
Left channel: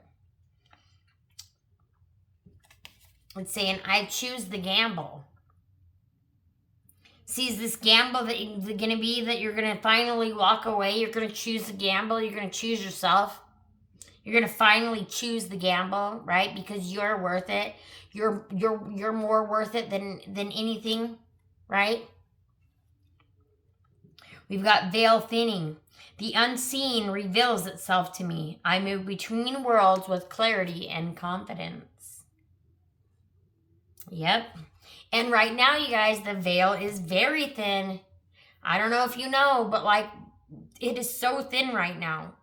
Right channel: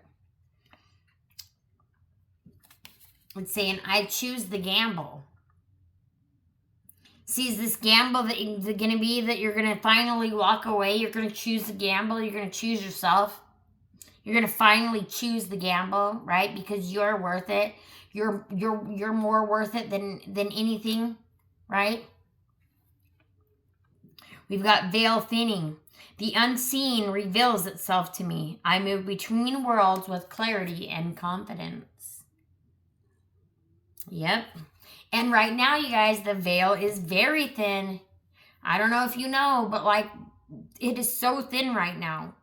It's saying, I choose the gamble. See, is this gamble that is going to be that you're going to finally walk away? You're going to choose the gamble. You're going to choose yourself. You're going to finally choose the gamble, right? Because you're worth it. You're more worth it than anything, right? We've got veil thinning. The unseen reveals itself to me. I move between worlds with clarity and confidence. Yep. And right now, you guys, the veil is very thin. I don't know if you know, but like, it is so thin right now.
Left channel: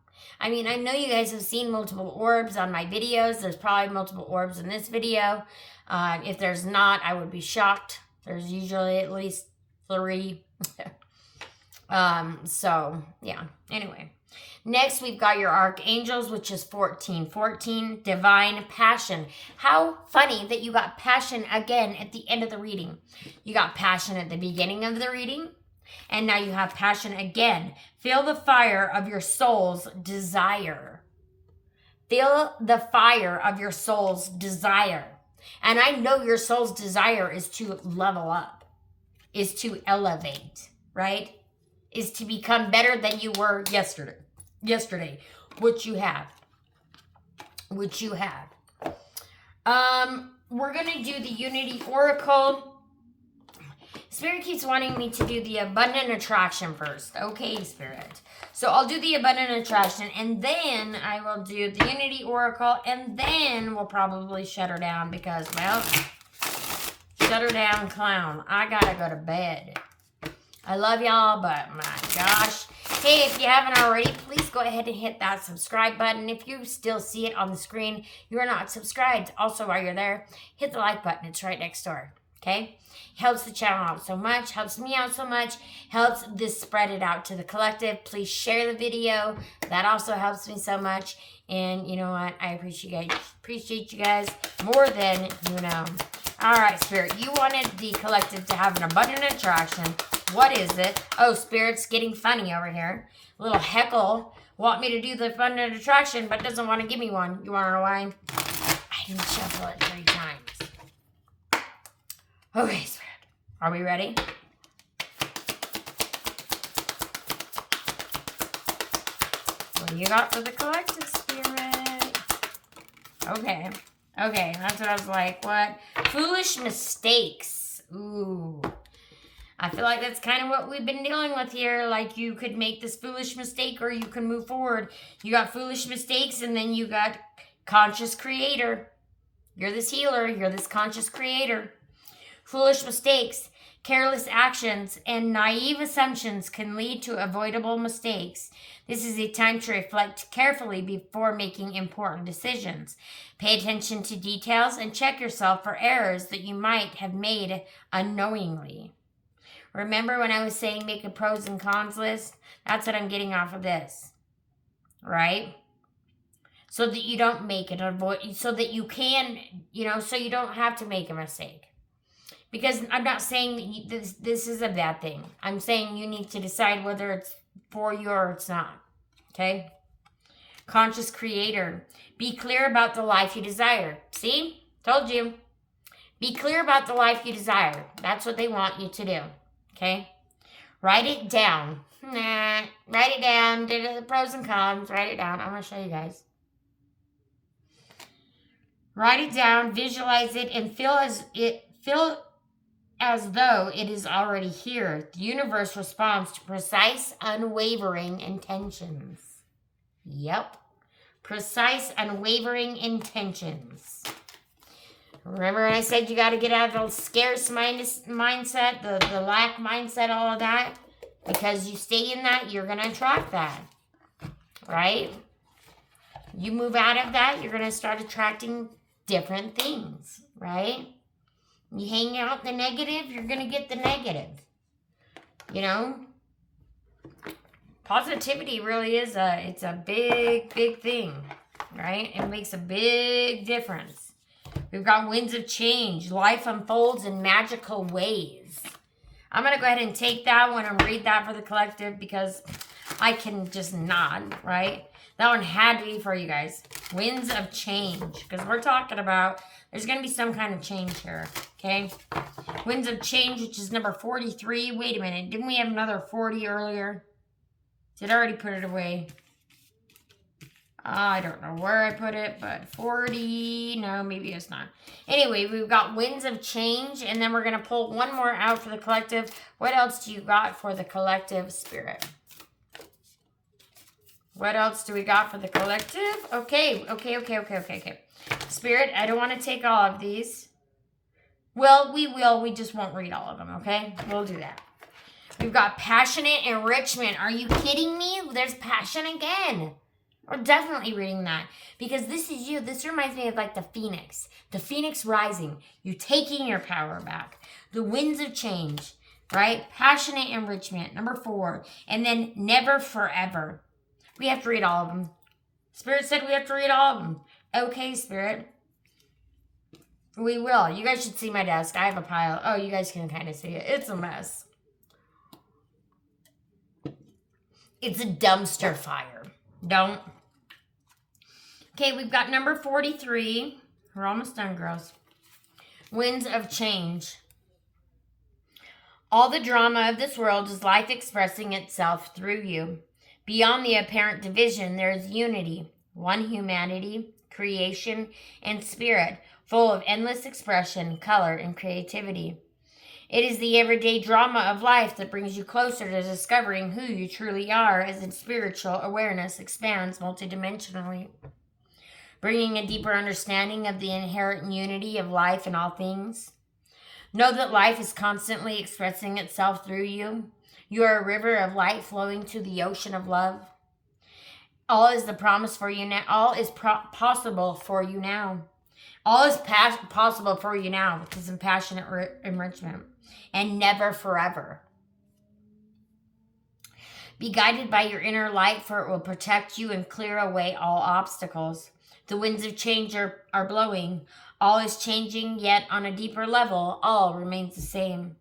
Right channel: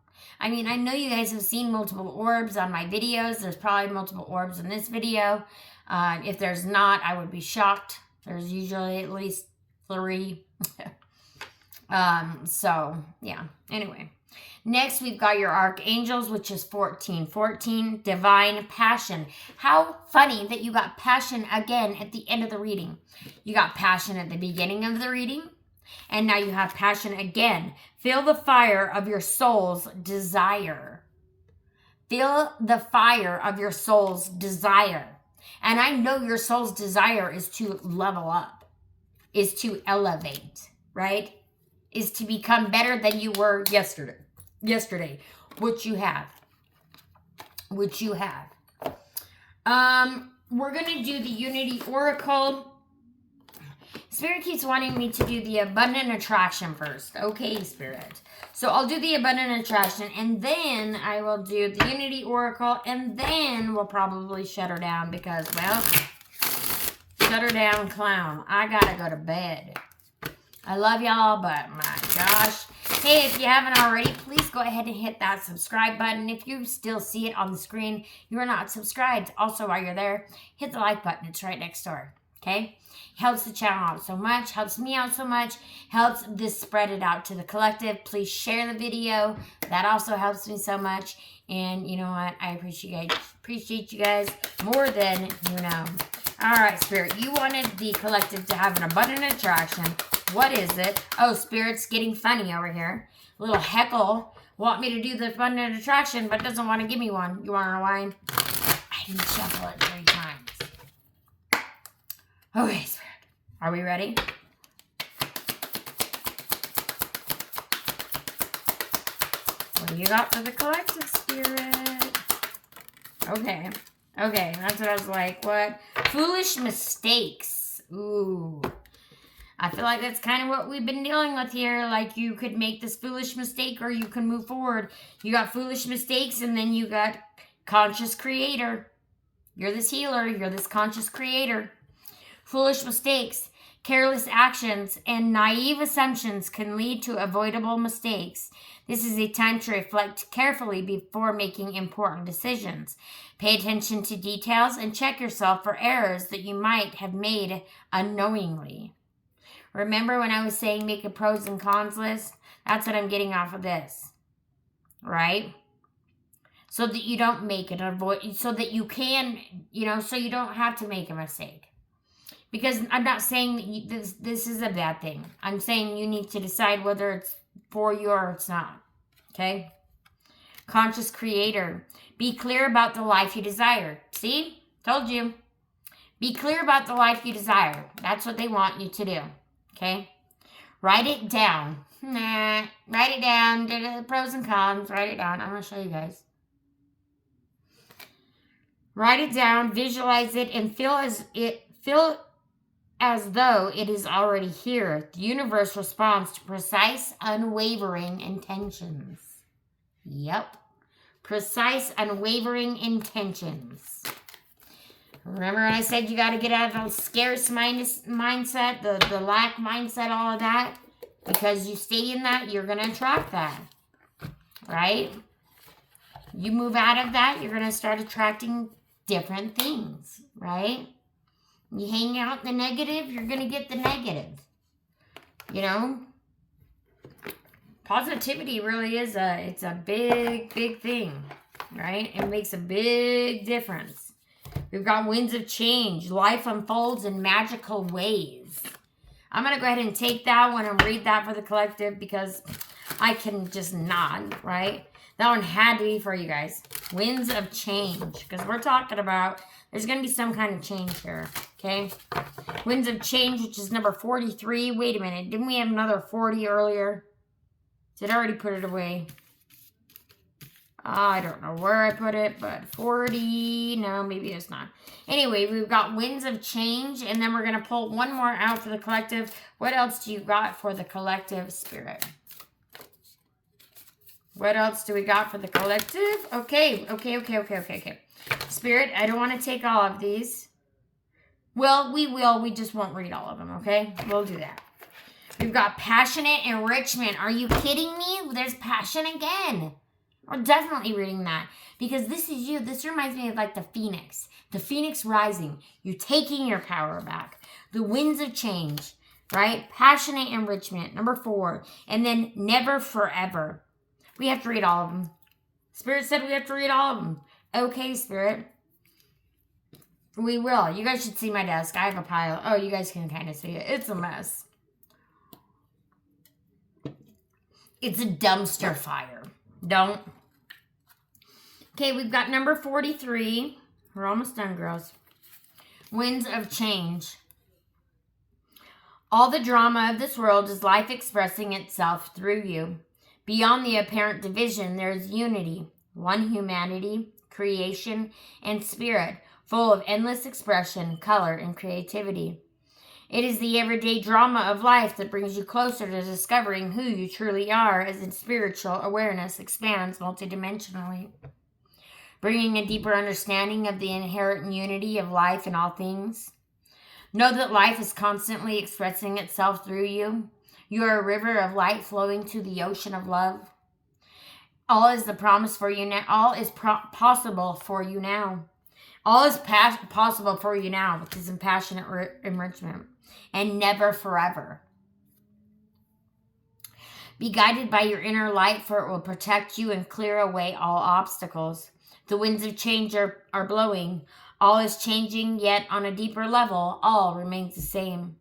I mean, I know you guys have seen multiple orbs on my videos. There's probably multiple orbs in this video. If there's not, I would be shocked. There's usually at least 3. So, yeah. Anyway. Next, we've got your Archangels, which is 14. 14, Divine Passion. How funny that you got passion again at the end of the reading. You got passion at the beginning of the reading, and now you have passion again. Feel the fire of your soul's desire. Feel the fire of your soul's desire. And I know your soul's desire is to level up, is to elevate, right? Is to become better than you were yesterday, which you have. We're going to do the Unity Oracle. Spirit keeps wanting me to do the Abundant Attraction first. Okay, Spirit. So I'll do the Abundant Attraction, and then I will do the Unity Oracle, and then we'll probably shut her down because, well, shut her down, clown. I gotta go to bed. I love y'all, but my gosh. Hey, if you haven't already, please go ahead and hit that subscribe button. If you still see it on the screen, you are not subscribed. Also, while you're there, hit the like button. It's right next door, okay? Helps the channel out so much, helps me out so much, helps this spread it out to the collective. Please share the video. That also helps me so much. And you know what? I appreciate you guys more than you know. All right, Spirit, you wanted the collective to have an abundant attraction. What is it? Oh, Spirit's getting funny over here. A little heckle. Want me to do the abundant attraction, but doesn't want to give me one. You want to know why? I didn't shuffle it 3 times. Okay, Spirit. Are we ready? What do you got for the collective, Spirit? Okay. Okay, that's what I was like. What? Foolish mistakes. Ooh. I feel like that's kind of what we've been dealing with here. Like, you could make this foolish mistake or you can move forward. You got foolish mistakes and then you got conscious creator. You're this healer. You're this conscious creator. Foolish mistakes, careless actions, and naive assumptions can lead to avoidable mistakes. This is a time to reflect carefully before making important decisions. Pay attention to details and check yourself for errors that you might have made unknowingly. Remember when I was saying make a pros and cons list? That's what I'm getting off of this, right? So that you don't make it, so that you can, so you don't have to make a mistake. Because I'm not saying this is a bad thing. I'm saying you need to decide whether it's for you or it's not. Okay? Conscious creator. Be clear about the life you desire. See? Told you. Be clear about the life you desire. That's what they want you to do. Okay? Write it down. Write it down. The pros and cons. Write it down. I'm going to show you guys. Write it down, visualize it, and feel as though it is already here. The universe responds to precise, unwavering intentions. Yep. Precise, unwavering intentions. Remember when I said you got to get out of the scarce mindset, the lack mindset, all of that? Because you stay in that, you're going to attract that. Right? You move out of that, you're going to start attracting different things. Right? You hang out the negative, you're going to get the negative. You know? Positivity really is it's a big, big thing. Right? It makes a big difference. We've got winds of change. Life unfolds in magical ways. I'm going to go ahead and take that one and read that for the collective because I can just nod, right? That one had to be for you guys. Winds of change. Because we're talking about there's going to be some kind of change here, okay? Winds of change, which is number 43. Wait a minute. Didn't we have another 40 earlier? Did I already put it away? I don't know where I put it, but 40, no, maybe it's not. Anyway, we've got winds of change, and then we're going to pull one more out for the collective. What else do you got for the collective, Spirit? What else do we got for the collective? Okay. Spirit, I don't want to take all of these. Well, we will. We just won't read all of them, okay? We'll do that. We've got passionate enrichment. Are you kidding me? There's passion again. We're definitely reading that because this is you. This reminds me of like the phoenix rising. You're taking your power back. The winds of change, right? Passionate enrichment, number 4. And then never forever. We have to read all of them. Spirit said we have to read all of them. Okay, Spirit. We will. You guys should see my desk. I have a pile. Oh, you guys can kind of see it. It's a mess. It's a dumpster fire. Don't. Okay, we've got number 43. We're almost done, girls. Winds of change. All the drama of this world is life expressing itself through you. Beyond the apparent division, there is unity, one humanity, creation, and spirit, full of endless expression, color, and creativity. It is the everyday drama of life that brings you closer to discovering who you truly are as its spiritual awareness expands multidimensionally, bringing a deeper understanding of the inherent unity of life and all things. Know that life is constantly expressing itself through you. You are a river of light flowing to the ocean of love. All is the promise for you now. All is possible for you now. All is possible for you now, which is in passionate enrichment. And never forever. Be guided by your inner light, for it will protect you and clear away all obstacles. The winds of change are blowing. All is changing, yet on a deeper level, all remains the same.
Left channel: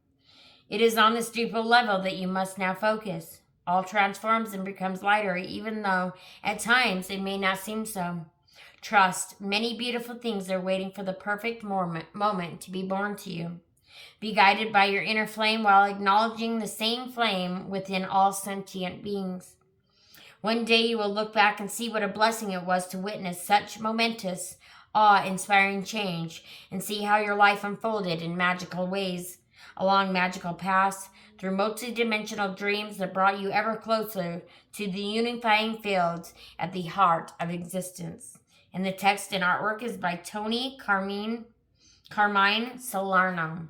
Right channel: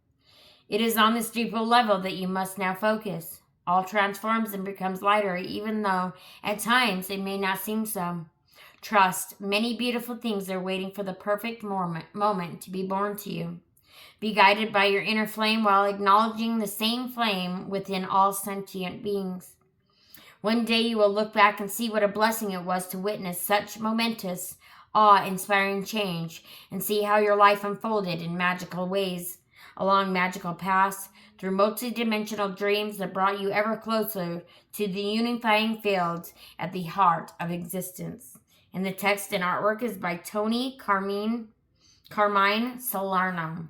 It is on this deeper level that you must now focus. All transforms and becomes lighter, even though at times it may not seem so. Trust, many beautiful things are waiting for the perfect moment to be born to you. Be guided by your inner flame while acknowledging the same flame within all sentient beings. One day you will look back and see what a blessing it was to witness such momentous, awe-inspiring change and see how your life unfolded in magical ways, along magical paths, through multidimensional dreams that brought you ever closer to the unifying fields at the heart of existence. And the text and artwork is by Tony Carmine Salerno.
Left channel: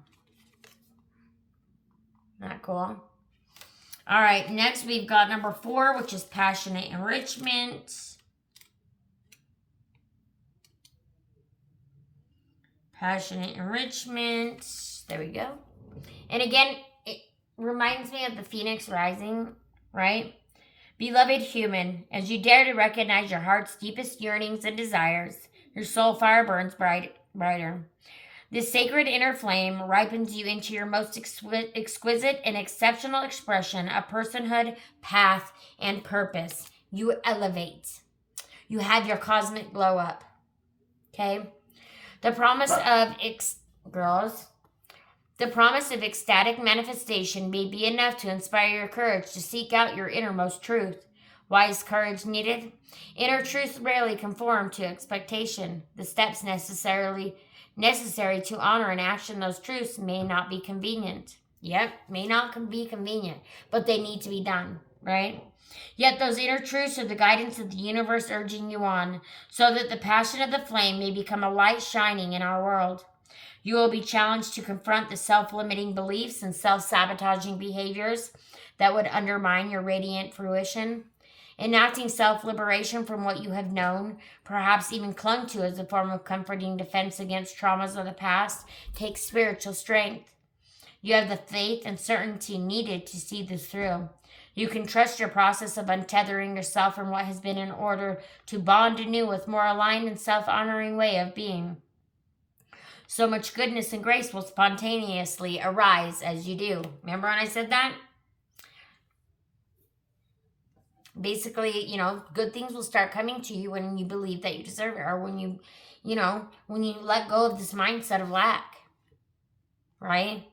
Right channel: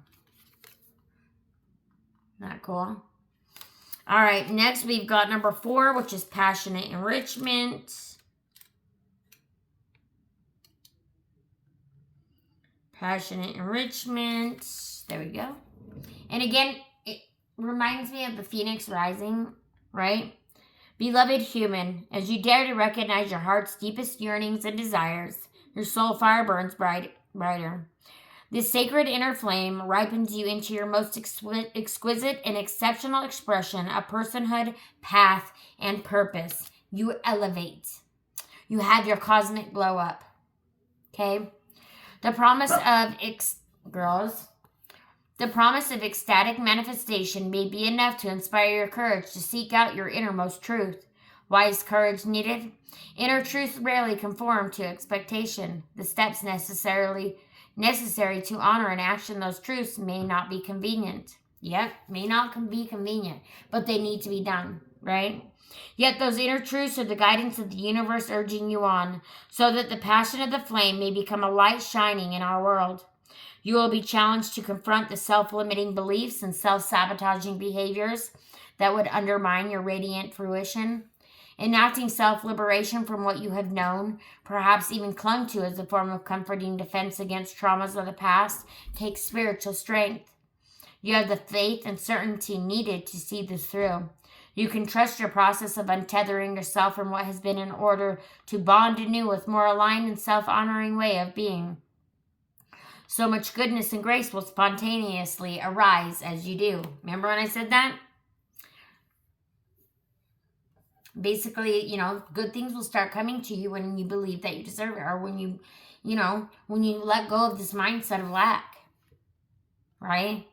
Not cool? All right, next we've got number 4, which is passionate enrichment. Passionate enrichment. There we go. And again, it reminds me of the phoenix rising, right? Beloved human, as you dare to recognize your heart's deepest yearnings and desires, your soul fire burns brighter. This sacred inner flame ripens you into your most exquisite and exceptional expression of personhood, path, and purpose. You elevate. You have your cosmic glow up. Okay? The promise of the promise of ecstatic manifestation may be enough to inspire your courage to seek out your innermost truth. Why is courage needed? Inner truths rarely conform to expectation. The steps necessary to honor and action those truths may not be convenient. Yep, may not be convenient, but they need to be done, right? Yet those inner truths are the guidance of the universe urging you on, so that the passion of the flame may become a light shining in our world. You will be challenged to confront the self-limiting beliefs and self-sabotaging behaviors that would undermine your radiant fruition. Enacting self-liberation from what you have known, perhaps even clung to as a form of comforting defense against traumas of the past, takes spiritual strength. You have the faith and certainty needed to see this through. You can trust your process of untethering yourself from what has been in order to bond anew with more aligned and self-honoring way of being. So much goodness and grace will spontaneously arise as you do. Remember when I said that? Basically, good things will start coming to you when you believe that you deserve it, or when you let go of this mindset of lack, right?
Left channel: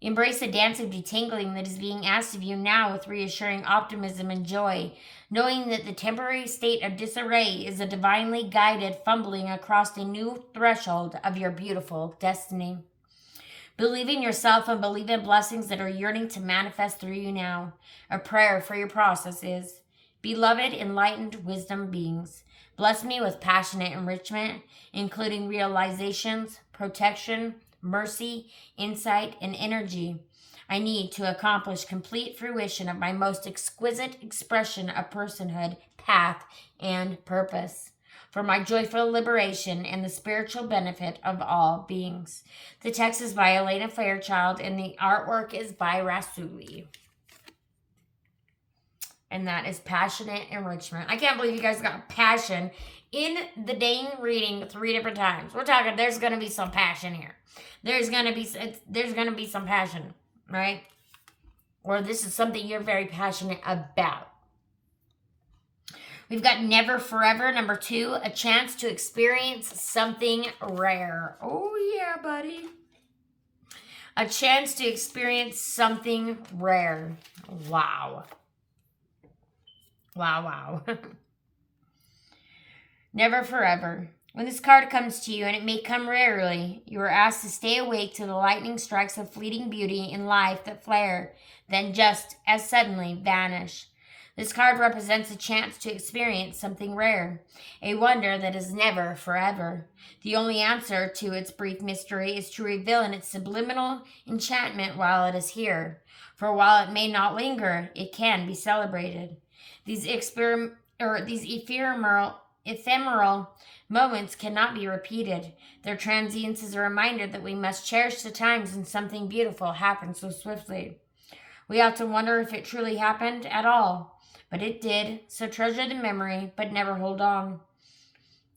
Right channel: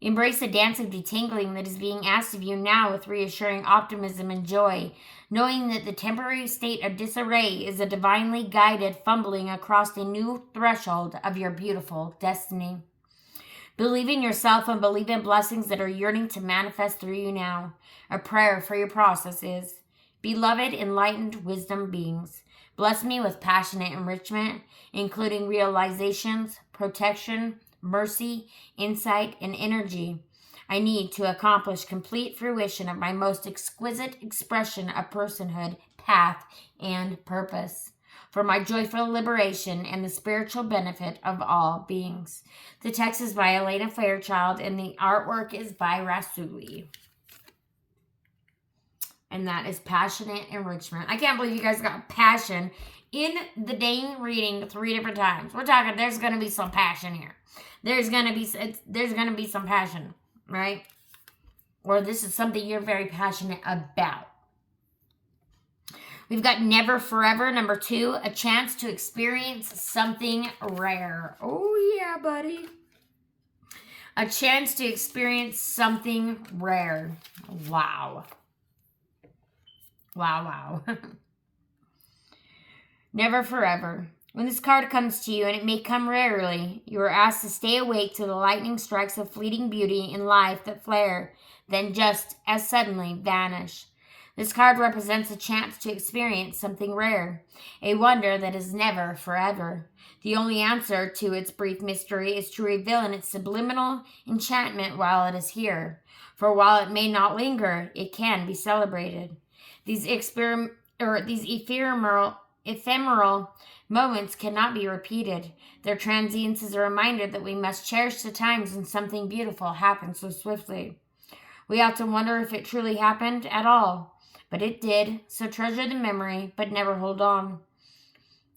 Embrace the dance of detangling that is being asked of you now with reassuring optimism and joy, knowing that the temporary state of disarray is a divinely guided fumbling across a new threshold of your beautiful destiny. Believe in yourself and believe in blessings that are yearning to manifest through you now. A prayer for your process is, beloved, enlightened wisdom beings, bless me with passionate enrichment, including realizations, protection, mercy, insight, and energy I need to accomplish complete fruition of my most exquisite expression of personhood, path, and purpose, for my joyful liberation and the spiritual benefit of all beings. The text is by Elena Fairchild, and the artwork is by Rasuli. And that is Passionate Enrichment. I can't believe you guys got passion in the dang reading 3 different times. We're talking, there's going to be some passion here. There's going to be some passion, right? Or this is something you're very passionate about. We've got Never Forever, number 2, a chance to experience something rare. Oh, yeah, buddy. A chance to experience something rare. Wow. Wow. Never Forever. When this card comes to you, and it may come rarely, you are asked to stay awake to the lightning strikes of fleeting beauty in life that flare, then just as suddenly vanish. This card represents a chance to experience something rare, a wonder that is never forever. The only answer to its brief mystery is to reveal in its subliminal enchantment while it is here. For while it may not linger, it can be celebrated. These ephemeral moments cannot be repeated. Their transience is a reminder that we must cherish the times when something beautiful happens so swiftly. We often wonder if it truly happened at all, but it did, so treasure the memory, but never hold on.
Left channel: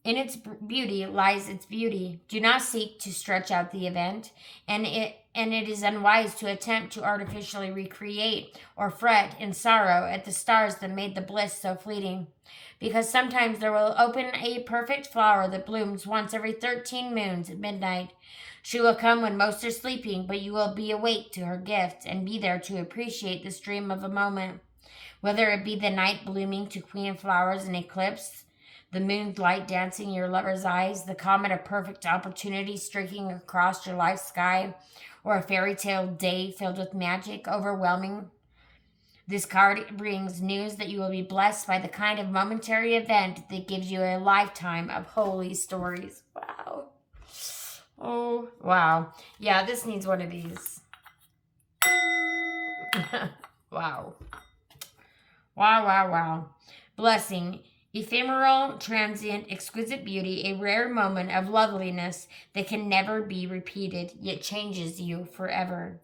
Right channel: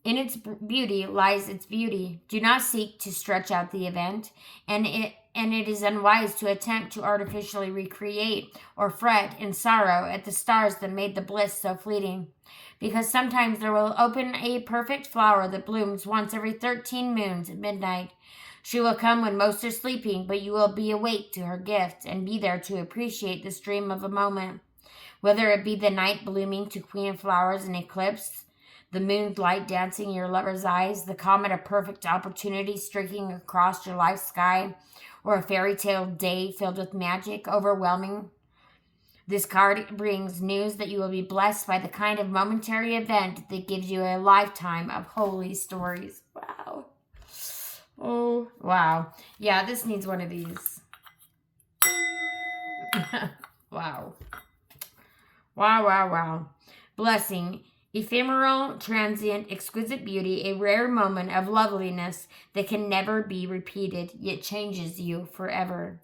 In its beauty lies its beauty. Do not seek to stretch out the event, and it is unwise to attempt to artificially recreate or fret in sorrow at the stars that made the bliss so fleeting. Because sometimes there will open a perfect flower that blooms once every 13 moons at midnight. She will come when most are sleeping, but you will be awake to her gift and be there to appreciate this dream of a moment. Whether it be the night blooming to queen flowers in eclipse, the moon's light dancing in your lover's eyes, the comet of perfect opportunity streaking across your life sky, or a fairy tale day filled with magic, overwhelming. This card brings news that you will be blessed by the kind of momentary event that gives you a lifetime of holy stories. Wow. Oh, wow. Yeah, this needs one of these. Wow. Wow. Blessing. Ephemeral, transient, exquisite beauty, a rare moment of loveliness that can never be repeated, yet changes you forever.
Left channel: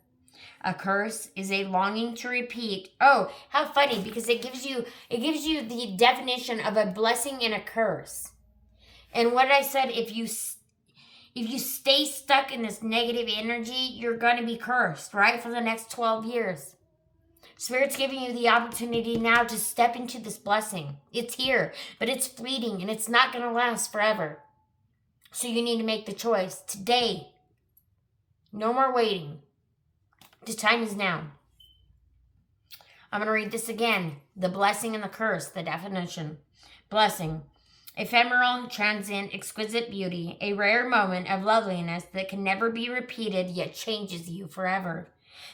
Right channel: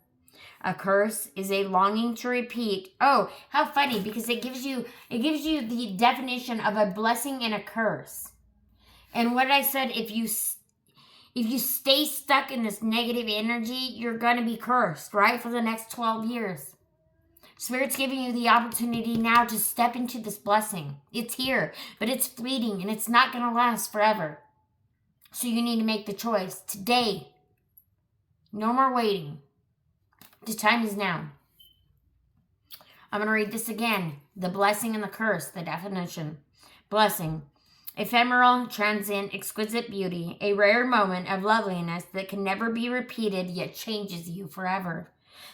A curse is a longing to repeat. Oh, how funny, because it gives you the definition of a blessing and a curse. And what I said, if you stay stuck in this negative energy, you're going to be cursed, right? For the next 12 years. Spirit's giving you the opportunity now to step into this blessing. It's here, but it's fleeting and it's not going to last forever. So you need to make the choice today. No more waiting. The time is now. I'm going to read this again. The blessing and the curse, the definition. Blessing. Ephemeral, transient, exquisite beauty. A rare moment of loveliness that can never be repeated yet changes you forever.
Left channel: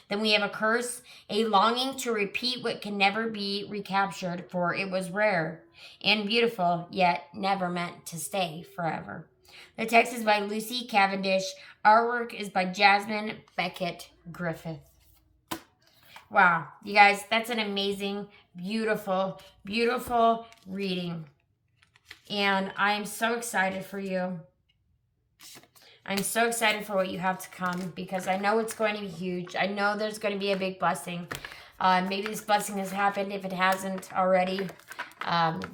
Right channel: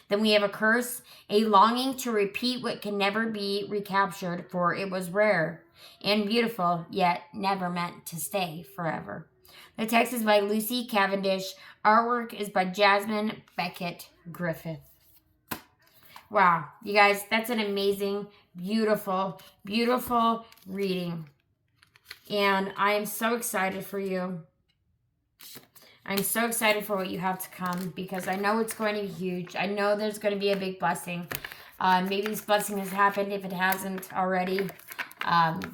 Then we have a curse, a longing to repeat what can never be recaptured, for it was rare and beautiful, yet never meant to stay forever. The text is by Lucy Cavendish. Artwork is by Jasmine Beckett Griffith. Wow, you guys, that's an amazing, beautiful, beautiful reading. And I am so excited for you. I'm so excited for what you have to come because I know it's going to be huge. I know there's going to be a big blessing. Maybe this blessing has happened. If it hasn't already,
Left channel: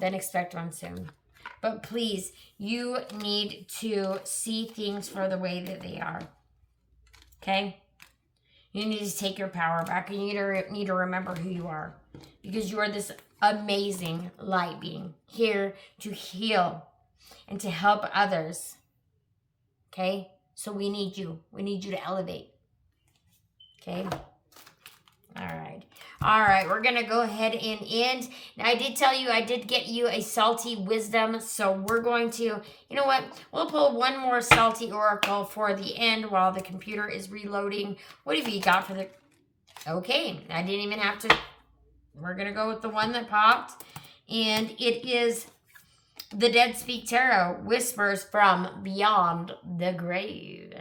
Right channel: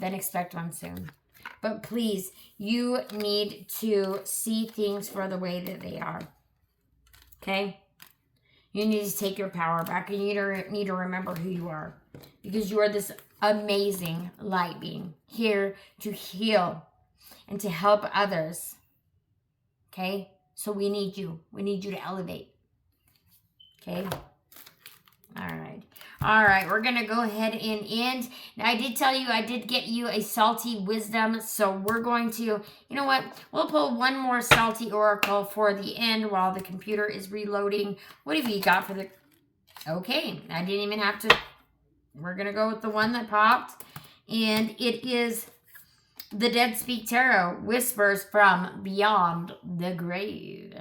then expect one soon. But please, you need to see things for the way that they are. Okay? You need to take your power back, and you need to remember who you are, because you are this amazing light being here to heal and to help others. Okay? So we need you. We need you to elevate. Okay? All right. All right. We're going to go ahead and end. Now, I did tell you I did get you a salty wisdom. So we're going to, you know what? We'll pull one more salty oracle for the end while the computer is reloading. What have you got for the... Okay. I didn't even have to... We're going to go with the one that popped. And it is the Dead Speak Tarot, Whispers from Beyond the Grave.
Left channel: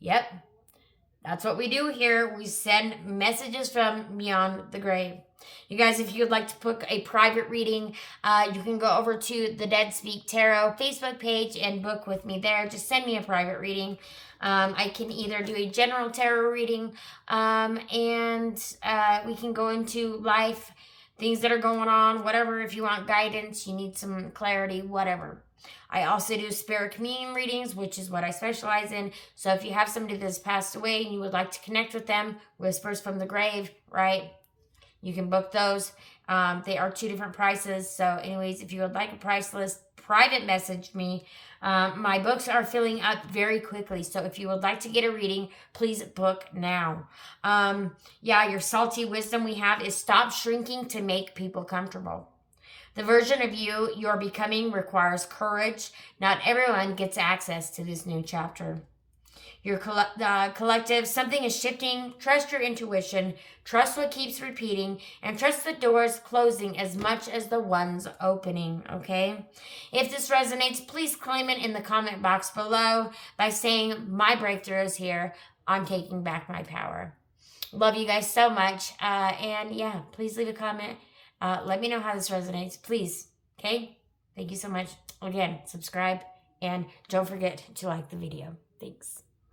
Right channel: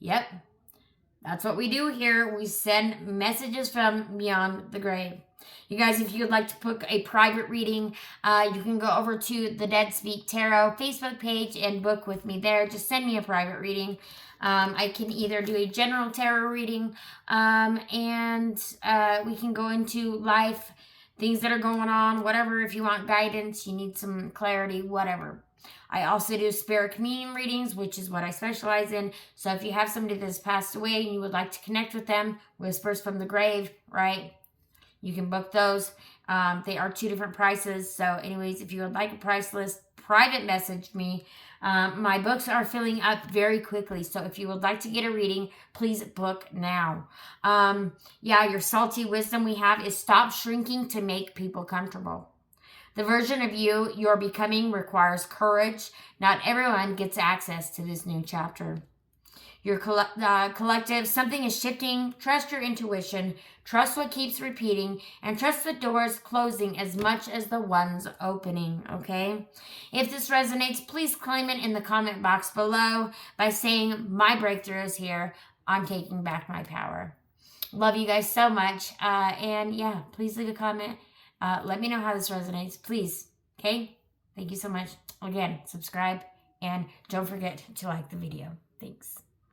Yep. That's what we do here. We send messages from beyond the grave. You guys, if you'd like to book a private reading, you can go over to the Dead Speak Tarot Facebook page and book with me there. Just send me a private reading. I can either do a general tarot reading and we can go into life, things that are going on, whatever. If you want guidance, you need some clarity, whatever. I also do spirit communion readings, which is what I specialize in. So if you have somebody that's passed away and you would like to connect with them, Whispers from the Grave, right? You can book those. They are 2 different prices. So anyways, if you would like a price list, private message me. My books are filling up very quickly. So if you would like to get a reading, please book now. Yeah, your salty wisdom we have is stop shrinking to make people comfortable. The version of you you're becoming requires courage. Not everyone gets access to this new chapter. Your collective, something is shifting. Trust your intuition. Trust what keeps repeating. And trust the doors closing as much as the ones opening, okay? If this resonates, please claim it in the comment box below by saying, my breakthrough is here. I'm taking back my power. Love you guys so much. And yeah, please leave a comment. Let me know how this resonates, please. Okay? Thank you so much. Again, subscribe and don't forget to like the video. Thanks.